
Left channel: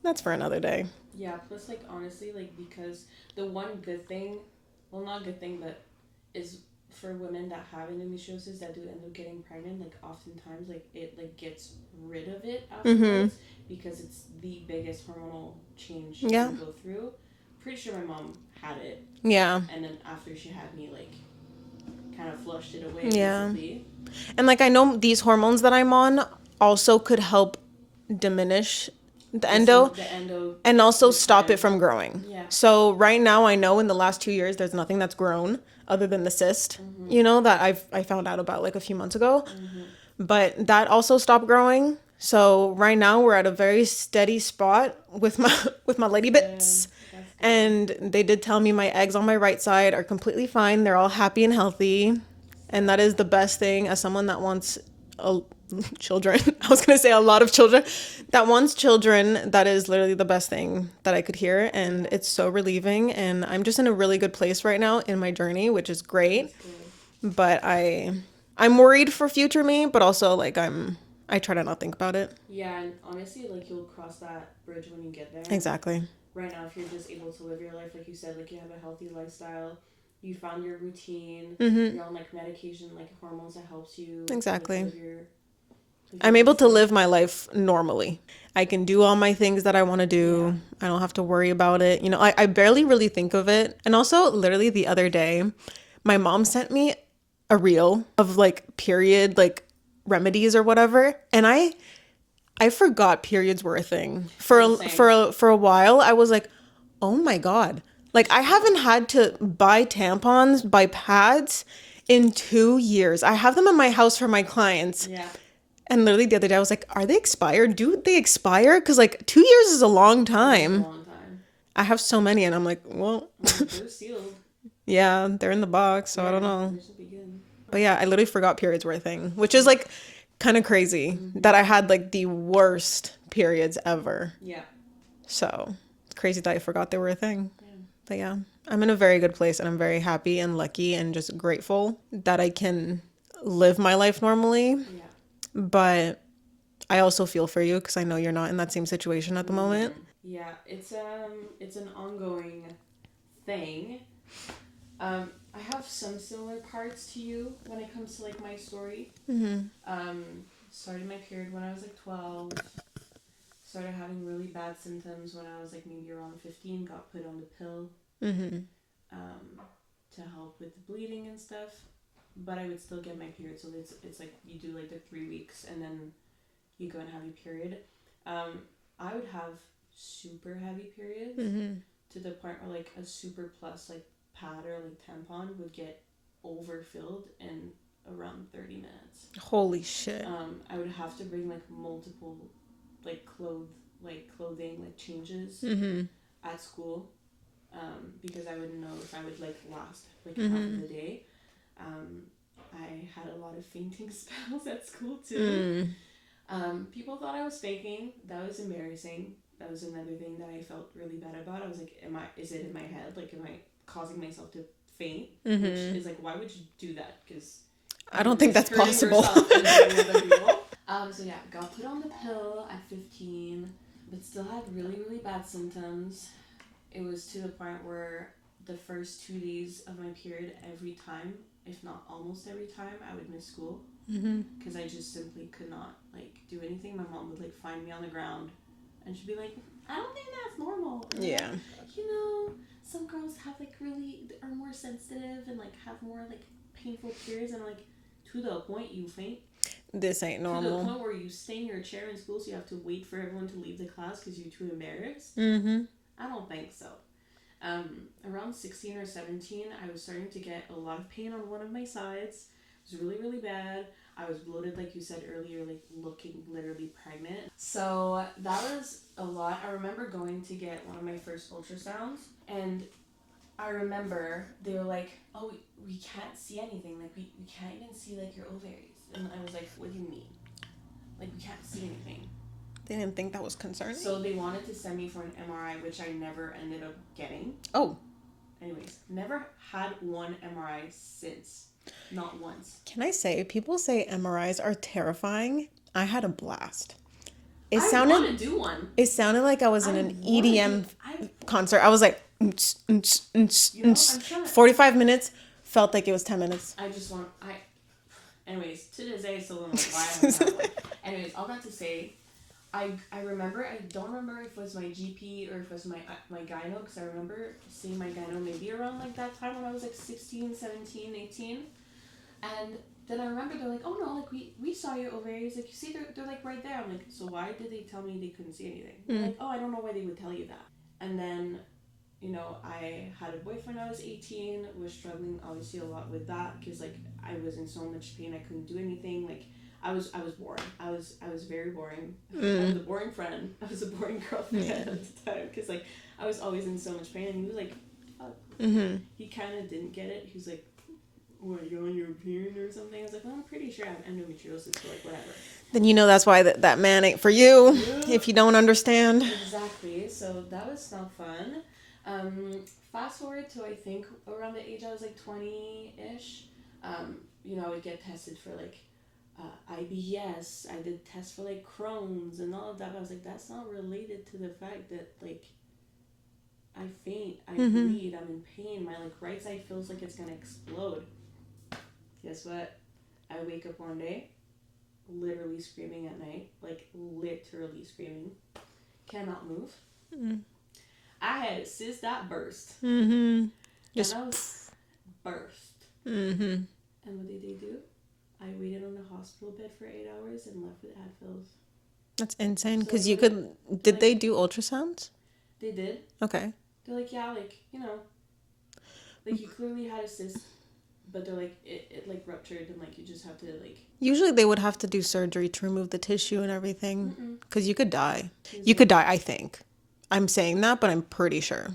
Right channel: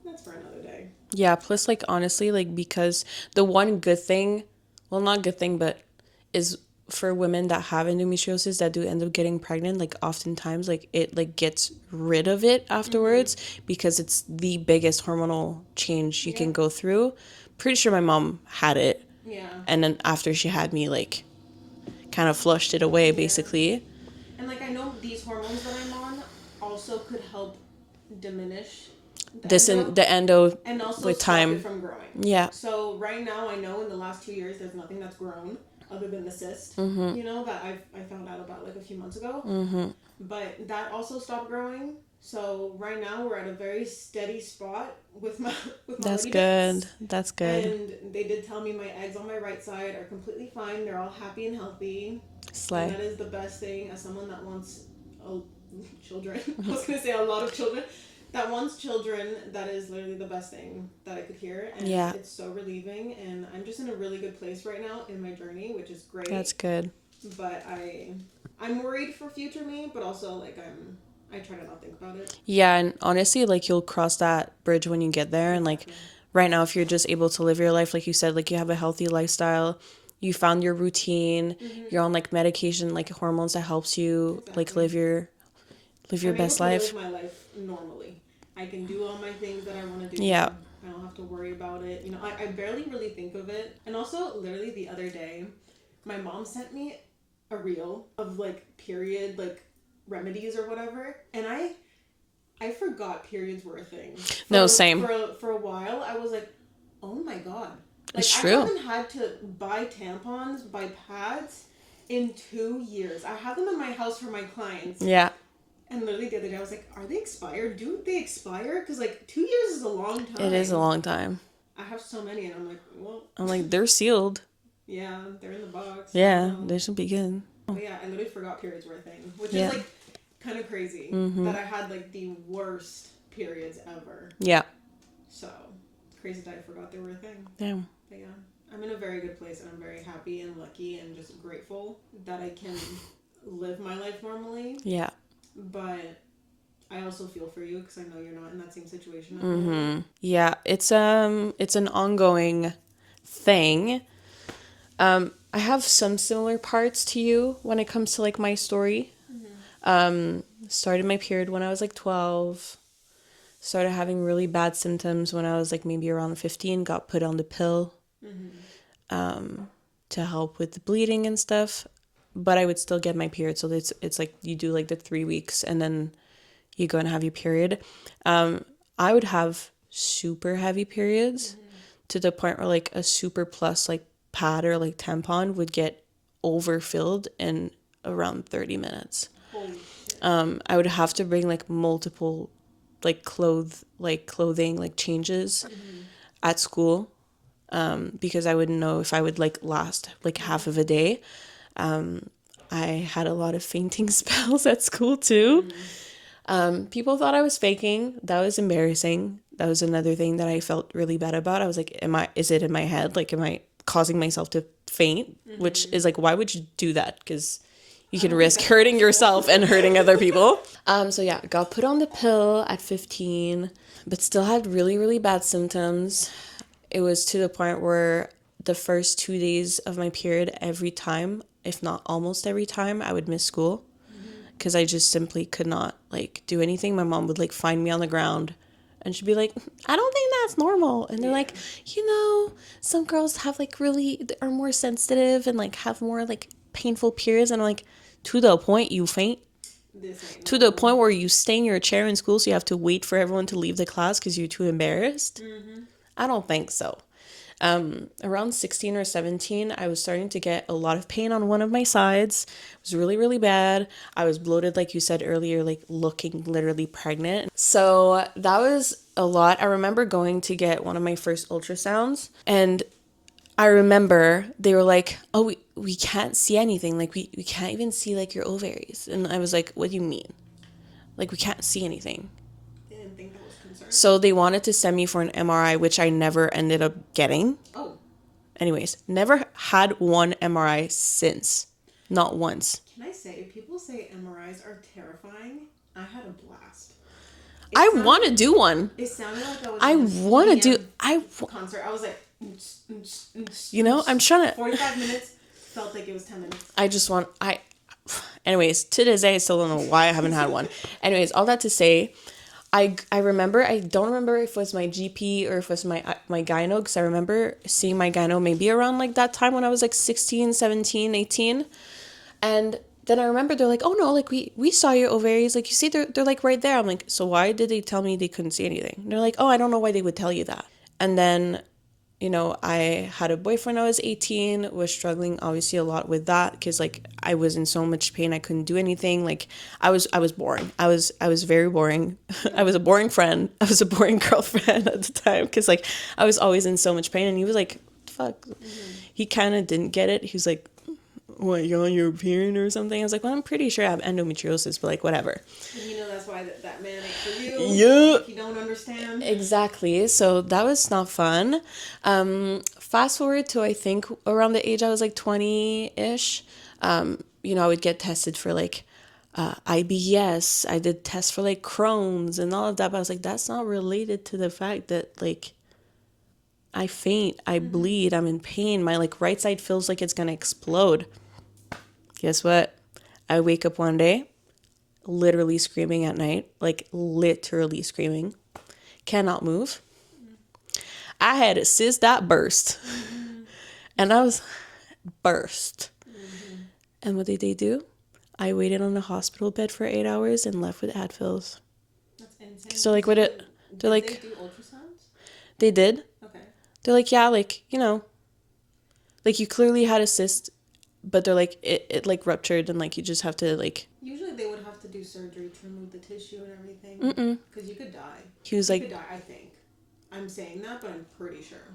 that's for another day. Yeah, plus, like, honestly, like, because the one good thing, well, not good thing, but is for women that have endometriosis that do end up getting pregnant, like, oftentimes, like, it, like, gets rid of it afterwards because it's the biggest hormonal change you can go through. Pretty sure my mom had it. Yeah. And then after she had me, like, kind of flushed it away, basically. And, like, I know these hormones that I'm on also could help diminish the endo and also stop it from growing. Yeah. So right now, I know in the last 2 years, there's nothing that's grown other than the cyst, you know, that I found out about, like, a few months ago. But that also stopped growing. So right now we're at a very steady spot with my lady bits. That's good. And they did tell me my eggs on my right side are completely fine. They're all happy and healthy. And that is the best thing as someone that wants children. I was going to say a lot of children. That wants children, that is literally the best thing that I could hear. And it's so relieving. And I'm just in a really good place right now in my journey, which is great. That's good. But I'm worried for future me, but also like I try to not think about it. Yeah, and honestly, like you'll cross that bridge when you get there. Exactly. And like right now, if you're just able to live your life, like you said, like you have a healthy lifestyle, you found your routine, you're on like medication, like hormones that helps you like live your I'm able to live my life normally. I can do all my things that I want to do. Yeah. I don't have to worry about it. You know, I barely really think of it. And also, literally the other day, my mom sent me a reel of like period, like remedies or whatever. And I forgot periods were a thing. For a while, I was like, oh my God. Like, I haven't had to buy tampons, buy pads in 2 years. I have them in my house for my clients. Yeah. And literally the other day I was like, are they expired? Do they expire? Because like 2 years is a long time. It is a long time. I have so many and I'm like, well. I'm like, they're sealed. Yeah, they're in the box. So yeah, I don't know. they should be good. But yeah, I literally forgot periods were a thing. Which is like kind of crazy that I had like the worst periods ever. Yeah. So it's crazy that I forgot they were a thing. Yeah. But yeah, I'm in a very good place and I'm very happy and lucky and just grateful that I can live my life normally. Yeah. But I also feel for you because I know you're not in that same situation at the moment. Yeah, it's an ongoing thing. I have some similar parts to you when it comes to like my story. Started my period when I was like 12. Started having really bad symptoms when I was like maybe around 15. Got put on the pill to help with the bleeding and stuff. But I would still get my period. So it's like you do like the 3 weeks and then you go and have your period. I would have super heavy periods to the point where like a super plus like pad or like tampon would get overfilled in around 30 minutes. Holy shit. I would have to bring like multiple like clothing like changes at school because I wouldn't know if I would like last like half of a day. I had a lot of fainting spells at school too. People thought I was faking. That was embarrassing. That was another thing that I felt really bad about. I was like, is it in my head? Like, am I causing myself to faint? Which is like, why would you do that? Because you can risk hurting yourself and hurting other people. So yeah, got put on the pill at 15, but still had really, really bad symptoms. It was to the point where the first 2 days of my period, every time, if not almost every time, I would miss school because I just simply could not like do anything. My mom would like find me on the ground and she'd be like, I don't think that's normal. And they're like, you know, some girls have like really are more sensitive and like have more like painful periods. And I'm like, to the point you faint. This ain't normal. To the point where you stay in your chair in school so you have to wait for everyone to leave the class because you're too embarrassed. I don't think so. Around 16 or 17, I was starting to get a lot of pain on one of my sides. It was really, really bad. I was bloated, like you said earlier, like looking literally pregnant. So that was a lot. I remember going to get one of my first ultrasounds and I remember they were like, oh, we can't see anything. Like we can't even see like your ovaries. And I was like, what do you mean? Like we can't see anything. They didn't think that was concerning. So they wanted to send me for an MRI, which I never ended up getting. Oh. Anyways, never had one MRI since. Not once. Can I say, people say MRIs are terrifying. I had a blast. I want to do one. It sounded like I was in an EDM concert. I was like, you know, I'm trying to... 45 minutes felt like it was 10 minutes. Anyways, to this day, I still don't know why I haven't had one. Anyways, all that to say... I remember, I don't remember if it was my GP or if it was my gyno, because I remember seeing my gyno maybe around like that time when I was like 16, 17, 18. And then I remember they're like, oh no, like we saw your ovaries. Like you see, they're like right there. I'm like, so why did they tell me they couldn't see anything? They're like, oh, I don't know why they would tell you that. And then, you know, I had a boyfriend when I was 18, was struggling obviously a lot with that because like I was in so much pain. I couldn't do anything. Like I was boring. I was very boring. I was a boring friend. I was a boring girlfriend at the time because like I was always in so much pain. And he was like, fuck. He kind of didn't get it. He was like, what, you're on your period or something? I was like, well, I'm pretty sure I have endometriosis, but like, whatever. Then you know that's why that man ain't for you. Yeah. If you don't understand. Exactly. So that was not fun. Fast forward to, I think, around the age I was like 20-ish. I would get tested for like IBS. I did tests for like Crohn's and all of that. But I was like, that's not related to the fact that like I faint, I bleed, I'm in pain. My like right side feels like it's going to explode. Guess what? I wake up one day, literally screaming at night, like literally screaming. Cannot move. I had a cyst that burst. And I was burst. And what did they do? I waited on the hospital bed for 8 hours and left with Advils. That's insane. So like, did they do ultrasounds? They did. Okay. They're like, yeah, like, like you clearly had a cyst, but they're like, it like ruptured and like you just have to like. Usually they would have to do surgery to remove the tissue and everything. Because you could die. You like, could die, I think. I'm saying that, but I'm pretty sure.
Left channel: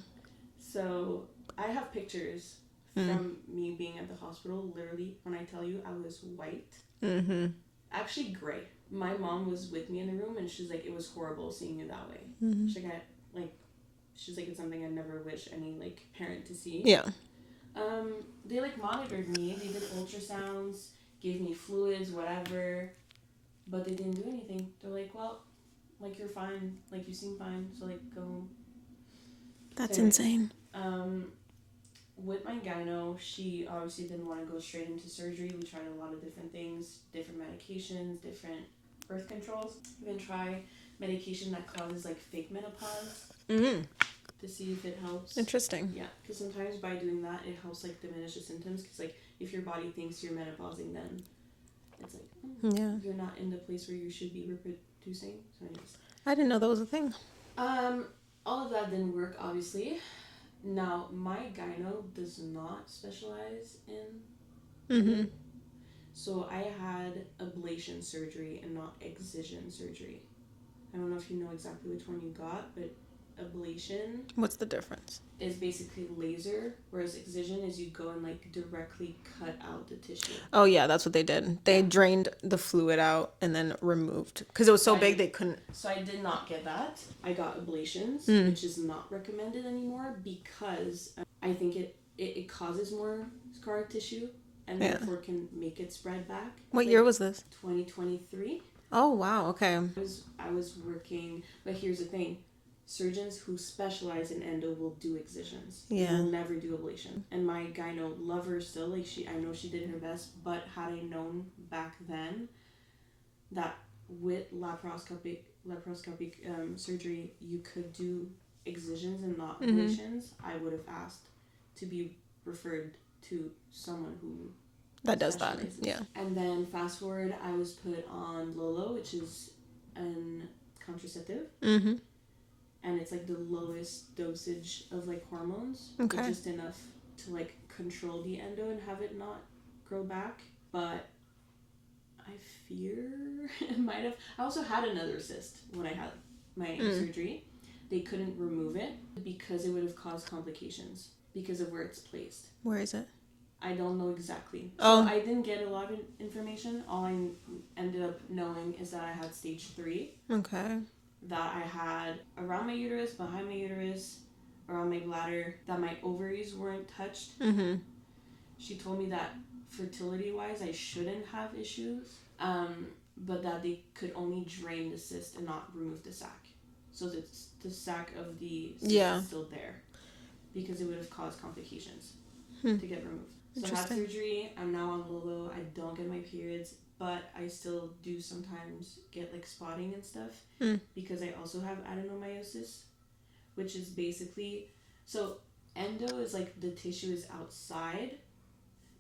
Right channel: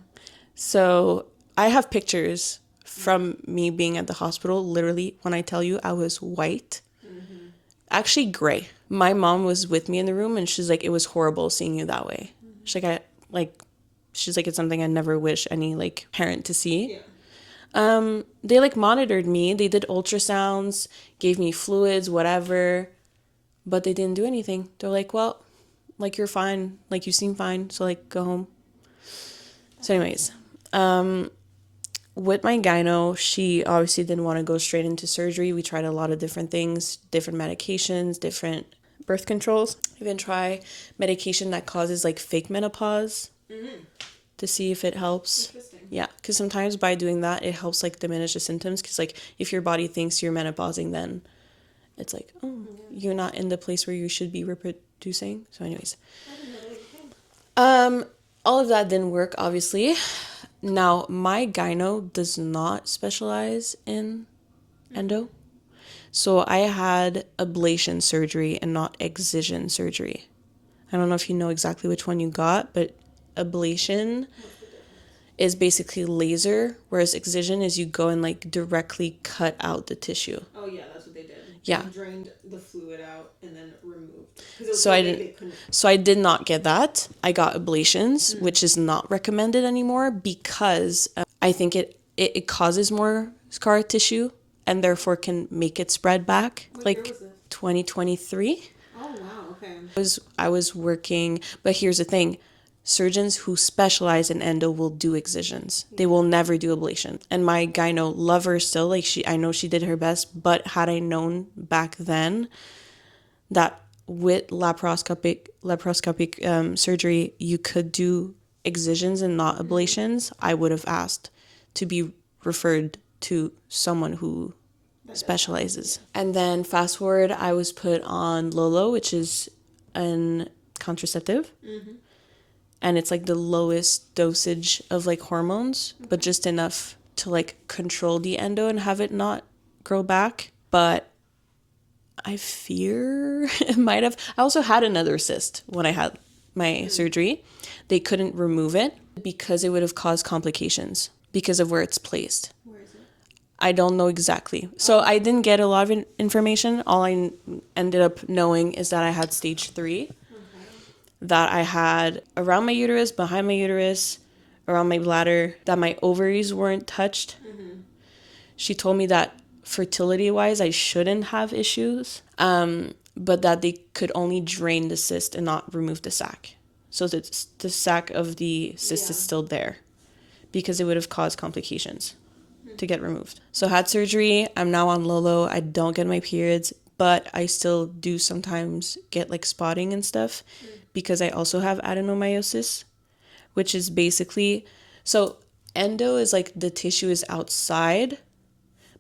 So I have pictures from me being at the hospital. Literally, when I tell you I was white, actually gray. My mom was with me in the room and she's like, it was horrible seeing you that way. She's like, it's something I never wish any like parent to see. Yeah. They like monitored me. They did ultrasounds, gave me fluids, whatever, but they didn't do anything. They're like, well, like you're fine, like you seem fine, so like go home. That's so anyways, insane. With my gyno, she obviously didn't want to go straight into surgery. We tried a lot of different things, different medications, different birth controls. Even try medication that causes like fake menopause. To see if it helps. Interesting. Yeah, because sometimes by doing that, it helps like diminish the symptoms. Because like if your body thinks you're menopausing, then it's like, oh, yeah, you're not in the place where you should be reproducing. So anyways. I didn't know that was a thing. All of that didn't work, obviously. Now, my gyno does not specialize in endo. So I had ablation surgery and not excision surgery. I don't know if you know exactly which one you got, but ablation, what's the difference? Is basically laser, whereas excision is you go and like directly cut out the tissue. Oh yeah, that's what they did. They drained the fluid out and then removed because it was so big they couldn't. So I did not get that. I got ablations, which is not recommended anymore because I think it causes more scar tissue and therefore can make it spread back. What year was this? 2023. Oh wow, okay. I was working, but here's the thing. Surgeons who specialize in endo will do excisions. Yeah. They will never do ablation. And my gyno lover still, like I know she did her best, but had I known back then that with laparoscopic surgery, you could do excisions and not ablations, I would have asked to be referred to someone who specializes. Yeah. And then fast forward, I was put on Lolo, which is an contraceptive. And it's like the lowest dosage of like hormones, but just enough to like control the endo and have it not grow back. But I fear it might have. I also had another cyst when I had my surgery. They couldn't remove it because it would have caused complications because of where it's placed. Where is it? I don't know exactly. So I didn't get a lot of information. All I ended up knowing is that I had stage 3. Okay. That I had around my uterus, behind my uterus, around my bladder, that my ovaries weren't touched. She told me that fertility-wise, I shouldn't have issues, but that they could only drain the cyst and not remove the sac. So the sac of the cyst is still there because it would have caused complications to get removed. So I had surgery. I'm now on Lolo. I don't get my periods. But I still do sometimes get like spotting and stuff because I also have adenomyosis, which is basically, so endo is like the tissue is outside,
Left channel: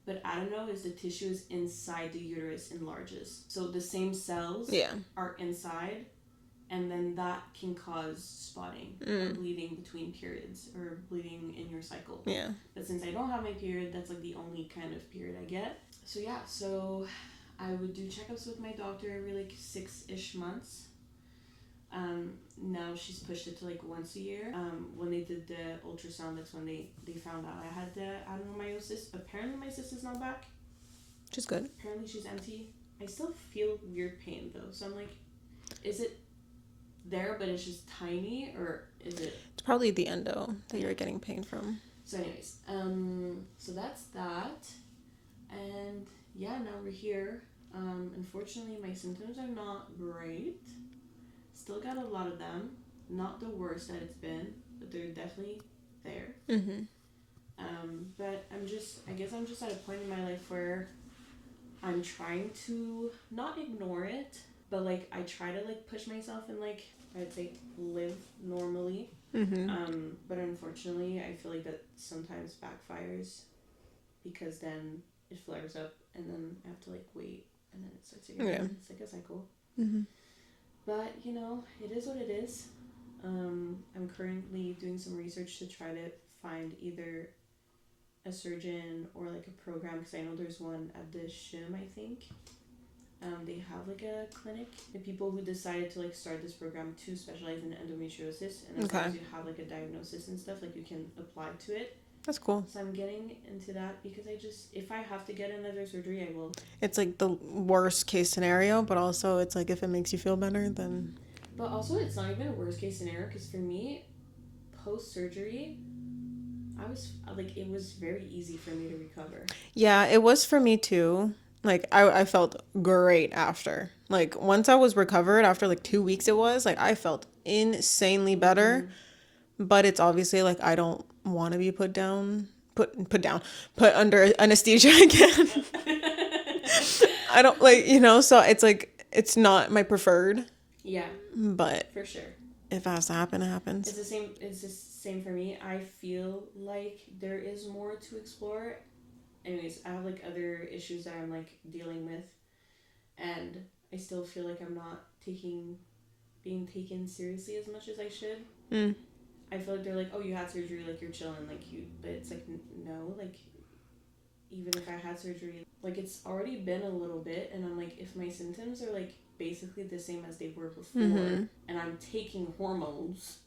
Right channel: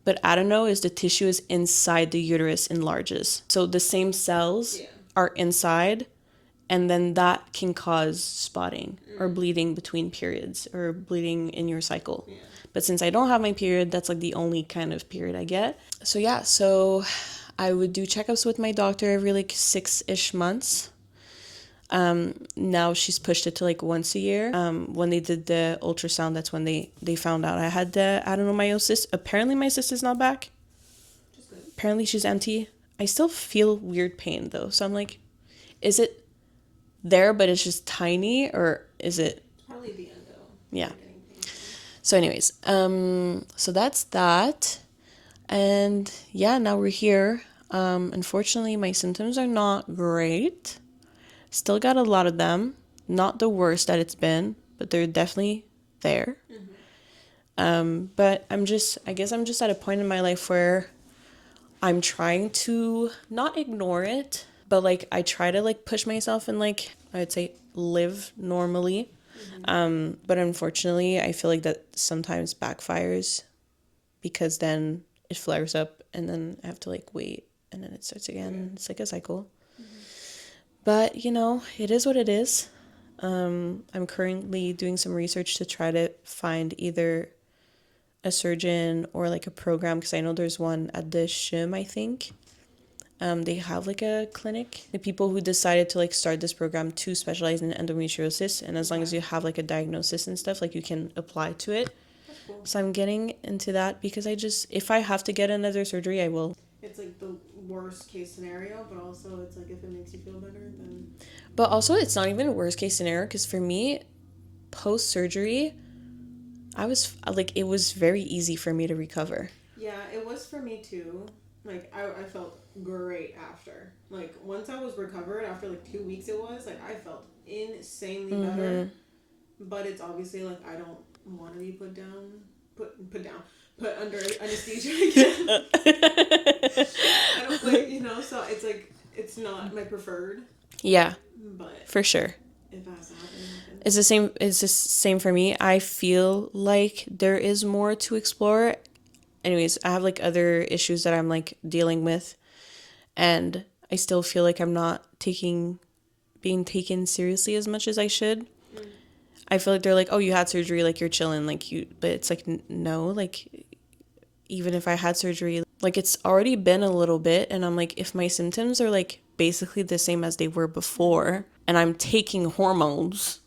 but adeno is the tissue is inside the uterus enlarges. So the same cells are inside, and then that can cause spotting or bleeding between periods or bleeding in your cycle. Yeah. But since I don't have my period, that's like the only kind of period I get. So I would do checkups with my doctor every like 6-ish months. Now she's pushed it to like once a year. When they did the ultrasound, that's when they found out I had the adenomyosis. Apparently my cyst is not back. Which is good. Apparently she's empty. I still feel weird pain though. So I'm like, is it there but it's just tiny, or is it... It's probably the endo that you're getting pain from. So anyways, so that's that. And yeah, now we're here. Unfortunately, my symptoms are not great. Still got a lot of them. Not the worst that it's been, but they're definitely there. But I guess I'm just at a point in my life where I'm trying to not ignore it, but like I try to like push myself and like I would say live normally. But unfortunately, I feel like that sometimes backfires, because then it flares up and then I have to like wait and then it starts again. And it's like a cycle. But you know, it is what it is. I'm currently doing some research to try to find either a surgeon or like a program, because I know there's one at the SHIM, I think. They have like a clinic. The people who decided to like start this program to specialize in endometriosis, and as long as you have like a diagnosis and stuff, like you can apply to it. That's cool. So I'm getting into that because if I have to get another surgery, I will. It's like the worst case scenario, but also it's like if it makes you feel better, then... But also it's not even a worst case scenario, because for me, post-surgery, I was like, it was very easy for me to recover. Yeah, it was for me too. Like I felt great after. Like once I was recovered after like 2 weeks, it was like I felt insanely better. But it's obviously like I don't want to be put under anesthesia again. I don't like, you know, so it's like it's not my preferred. Yeah, but for sure. If it has to happen, it happens. It's the same for me. I feel like there is more to explore. Anyways, I have like other issues that I'm like dealing with, and I still feel like I'm not being taken seriously as much as I should. I feel like they're like, oh, you had surgery, like you're chilling, like you, but it's like, no, like even if I had surgery, like it's already been a little bit, and I'm like, if my symptoms are like basically the same as they were before, and I'm taking hormones,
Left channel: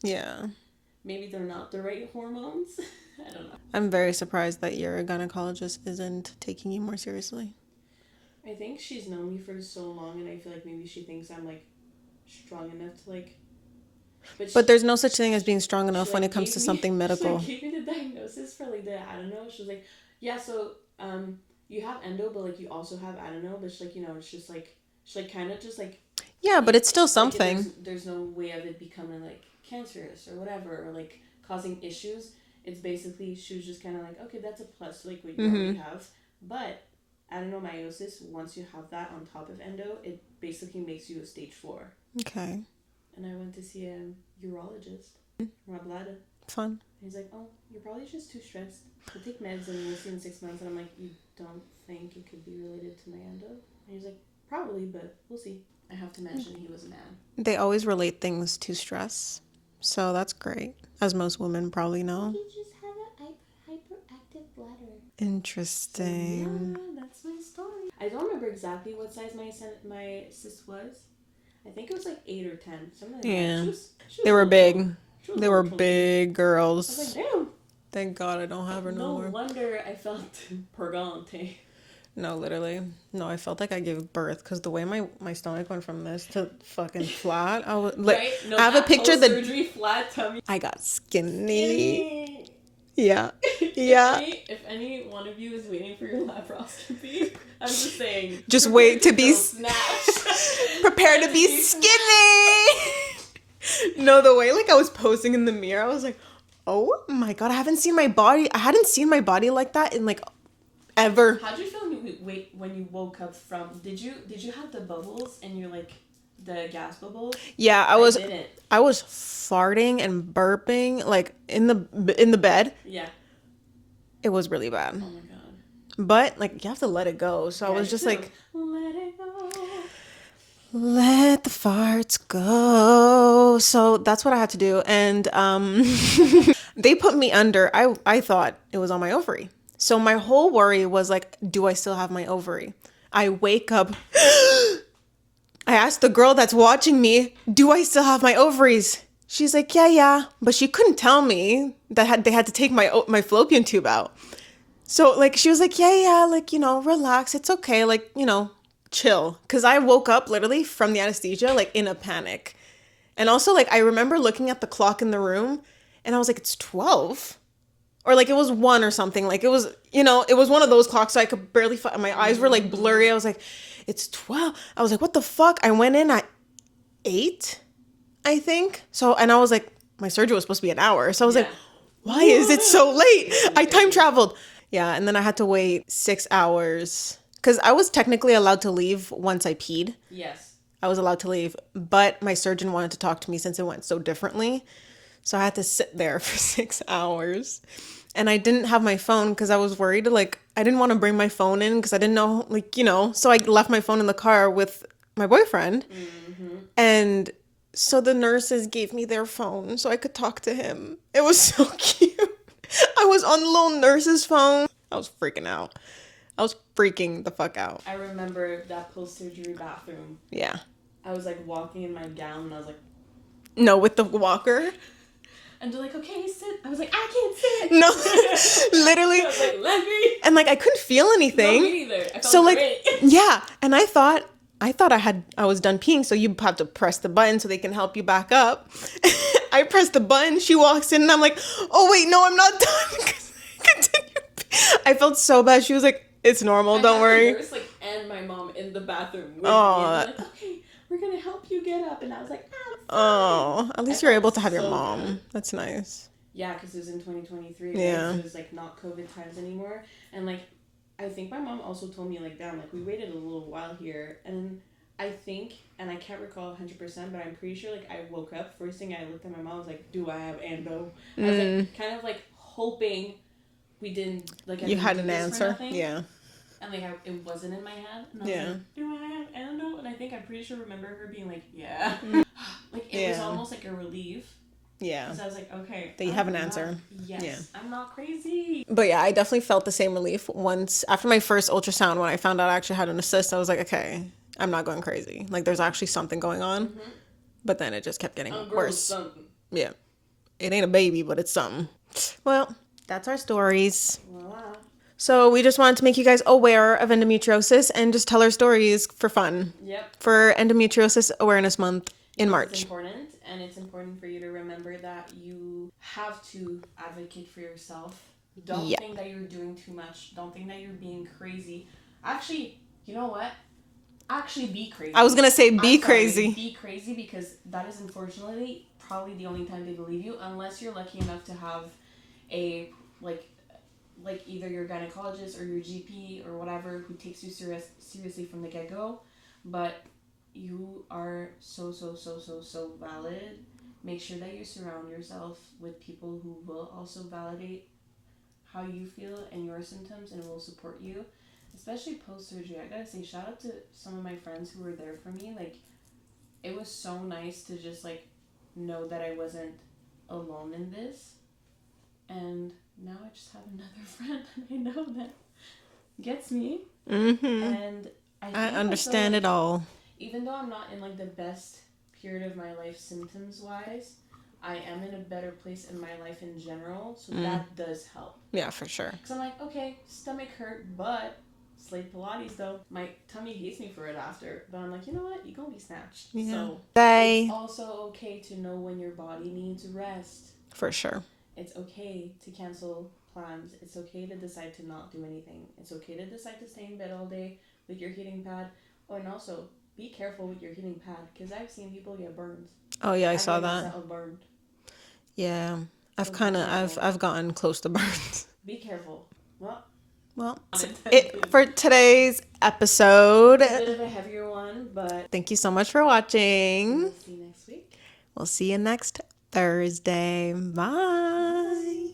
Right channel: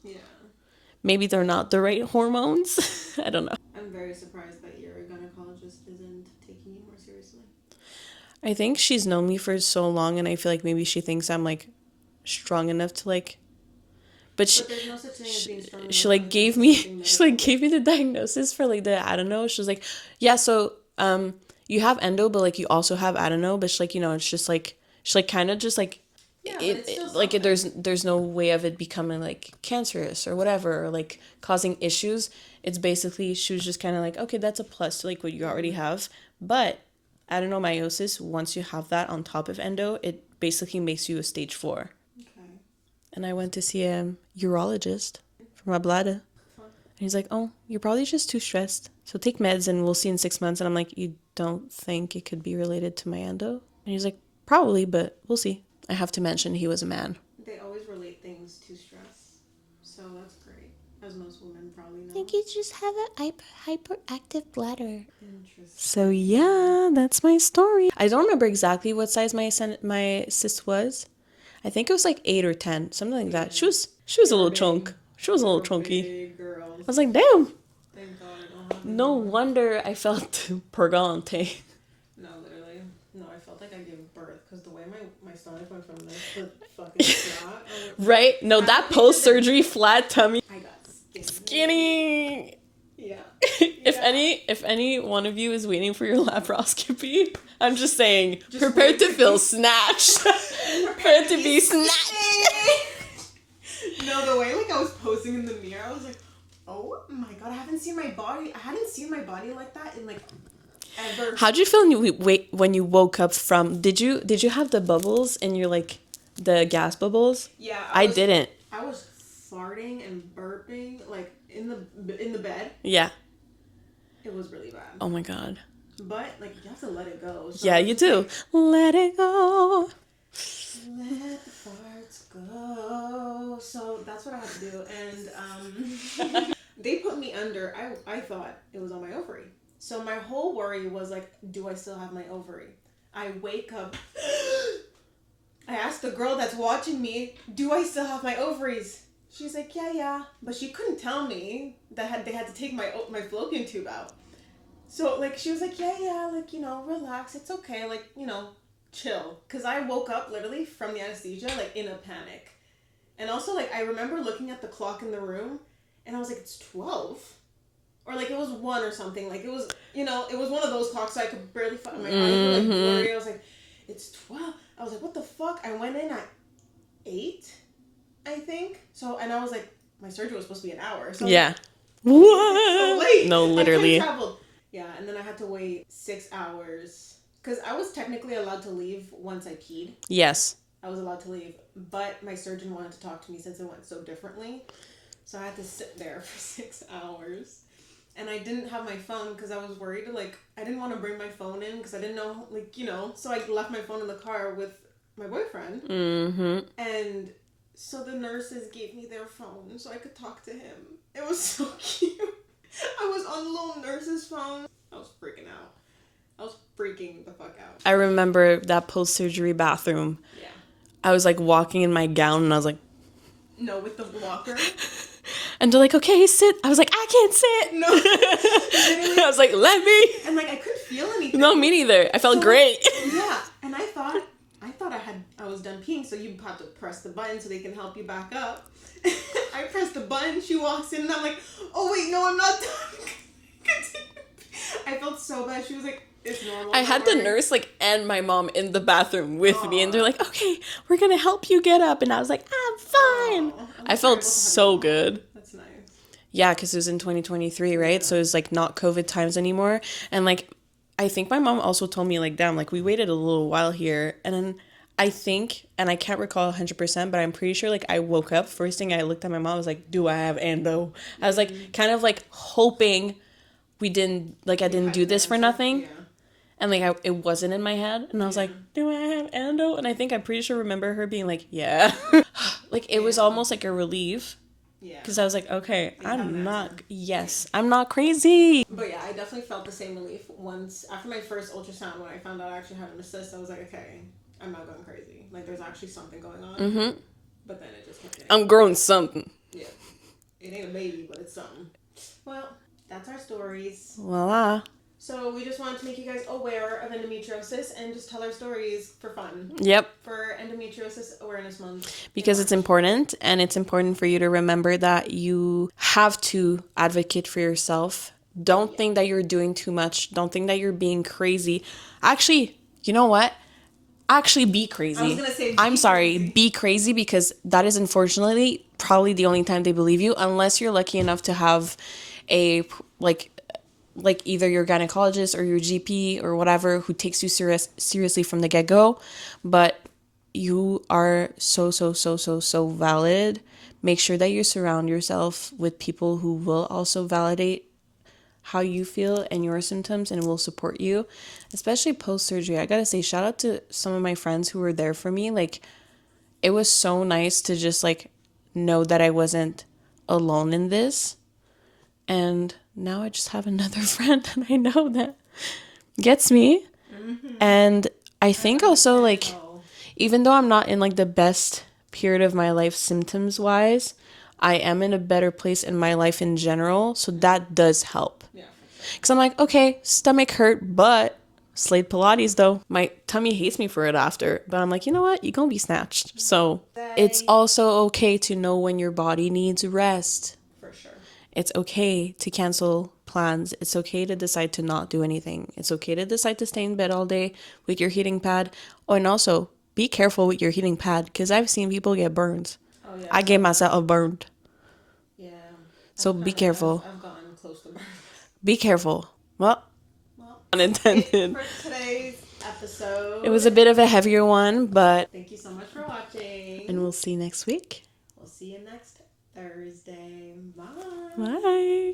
maybe they're not the right hormones. I don't know. I'm very surprised that your gynecologist isn't taking you more seriously. I think she's known me for so long, and I feel like maybe she thinks I'm like strong enough to like. But there's no such thing as being strong enough when it comes to something medical. She like gave me the diagnosis for like the adeno. She was like, yeah, so you have endo, but like you also have adeno. But she's like, you know, it's just like she like kind of just like. Yeah, but it's still something. Like there's no way of it becoming like cancerous or whatever, or like causing issues. It's basically, she was just kind of like, okay, that's a plus to like what you already have. But adenomyosis, once you have that on top of endo, it basically makes you a stage 4. Okay. And I went to see a urologist for my bladder. Fun. And he's like, oh, you're probably just too stressed. So take meds and we'll see in 6 months. And I'm like, you don't think it could be related to my endo? And he's like, probably, but we'll see. I have to mention he was a man. They always relate things to stress. So that's great. As most women probably know. I think you just have a hyperactive bladder. Interesting. So yeah, that's my story. I don't remember exactly what size my cyst was. I think it was like 8 or 10, something like that. She was a little chunk. She was a little chunky. Big girls. I was like, damn. Thank God I don't have her. No wonder I felt purgante. No, literally. No, I felt like I gave birth because the way my stomach went from this to fucking flat. I was right? No, that post-surgery flat tummy. I got skinny. Yeah. If any one of you is waiting for your laparoscopy, I'm just saying, just wait to be snatched. Prepare to be skinny. No, the way like I was posing in the mirror, I was like, oh my God, I hadn't seen my body like that in like ever. How'd you feel when you woke up from? Did you have the bubbles in your like the gas bubbles? Yeah, I didn't. I was farting and burping like in the bed. Yeah. It was really bad. Oh my God. But like you have to let it go. So yeah, you do. Like, let it go. Let the farts go. So that's what I had to do. And they put me under. I thought it was on my ovary. So my whole worry was like, do I still have my ovary? I wake up. I asked the girl that's watching me, do I still have my ovaries? She's like, yeah. But she couldn't tell me that they had to take my fallopian tube out. So, like, she was like, yeah, like, relax. It's okay. Like, chill. Because I woke up literally from the anesthesia, like, in a panic. And also, like, I remember looking at the clock in the room and I was like, it's 12. Or, like, it was 1 or something. Like, it was, it was one of those clocks, so I could barely, my eyes were, like, blurry. I was like, it's 12. I was like, what the fuck? I went in at 8, I think. So, and I was like, my surgery was supposed to be an hour. So I was like, why is it so late? No, I time literally. traveled. Yeah, and then I had to wait 6 hours. Because I was technically allowed to leave once I peed. Yes. I was allowed to leave. But my surgeon wanted to talk to me since it went so differently. So I had to sit there for 6 hours. And I didn't have my phone because I was worried. Like, I didn't want to bring my phone in because I didn't know, like, So I left my phone in the car with my boyfriend. Mm-hmm. And so the nurses gave me their phone so I could talk to him. It was so cute. I was on the little nurse's phone. I was freaking out. I was freaking the fuck out. I remember that post-surgery bathroom. Yeah. I was like walking in my gown and I was like, no, with the walker. And they're like, okay, sit. I was like, I can't sit. No, literally. I was like, let me. And like, I couldn't feel anything. No, me neither. I felt great. Like, yeah. And I thought I was done peeing, so you have to press the button so they can help you back up. I pressed the button, she walks in, and I'm like, oh wait, no, I'm not done. Continue. I felt so bad. She was like, it's normal, don't worry. I had the nurse and my mom in the bathroom with me, and they're like, okay, we're gonna help you get up. And I was like, I'm fine. Oh, at least I you're felt able to have so your mom. Good. That's nice. Yeah, because it was in 2023, right? Yeah. So it was like not COVID times anymore. And like, I think my mom also told me like, damn, like we waited a little while here. And then I think, and I can't recall 100%, but I'm pretty sure like I woke up. First thing I looked at my mom, I was like, do I have endo? I was like, kind of like hoping I didn't do this for nothing. Yeah. And like it wasn't in my head. And I was like, do I have endo? And I think I'm pretty sure remember her being like, yeah. Like it was almost like a relief. Yeah. Because I was like, okay, that you have an answer. Yes, yeah. I'm not crazy. But yeah, I definitely felt the same relief once after my first ultrasound when I found out I actually had an cyst. I was like, okay, I'm not going crazy. Like there's actually something going on. Mm-hmm. But then it just kept getting I'm growing something. Yeah. It ain't a baby, but it's something. Well, that's our stories. Voila. So we just wanted to make you guys aware of endometriosis and just tell our stories for fun. Yep. For Endometriosis Awareness Month because it's important, and it's important for you to remember that you have to advocate for yourself. Don't think that you're doing too much. Don't think that you're being crazy. Actually, you know what? Actually be crazy. I was going to say crazy. Be crazy, because that is unfortunately probably the only time they believe you, unless you're lucky enough to have a like either your gynecologist or your GP or whatever who takes you seriously from the get-go. But you are so valid. Make sure that you surround yourself with people who will also validate how you feel and your symptoms and will support you, especially post-surgery. I gotta say, shout out to some of my friends who were there for me. Like, it was so nice to just like know that I wasn't alone in this. And now I just have another friend that I know that gets me. Mm-hmm. And I think also like, even though I'm not in like the best period of my life symptoms wise, I am in a better place in my life in general. So that does help. Yeah, for sure. Because I'm like, okay, stomach hurt, but slayed Pilates though. My tummy hates me for it after. But I'm like, you know what? You're going to be snatched. Yeah. So it's also okay to know when your body needs rest. For sure. It's okay to cancel plans. It's okay to decide to not do anything. It's okay to decide to stay in bed all day with your heating pad. Oh, and also be careful with your heating pad, because I've seen people get burns. Oh, yeah. I get myself burned. Yeah. So be careful. I've gotten close to burns. Be careful. Well, unintended. For today's episode. It was a bit of a heavier one, but thank you so much for watching. And we'll see you next week. We'll see you next Thursday. Bye. Bye.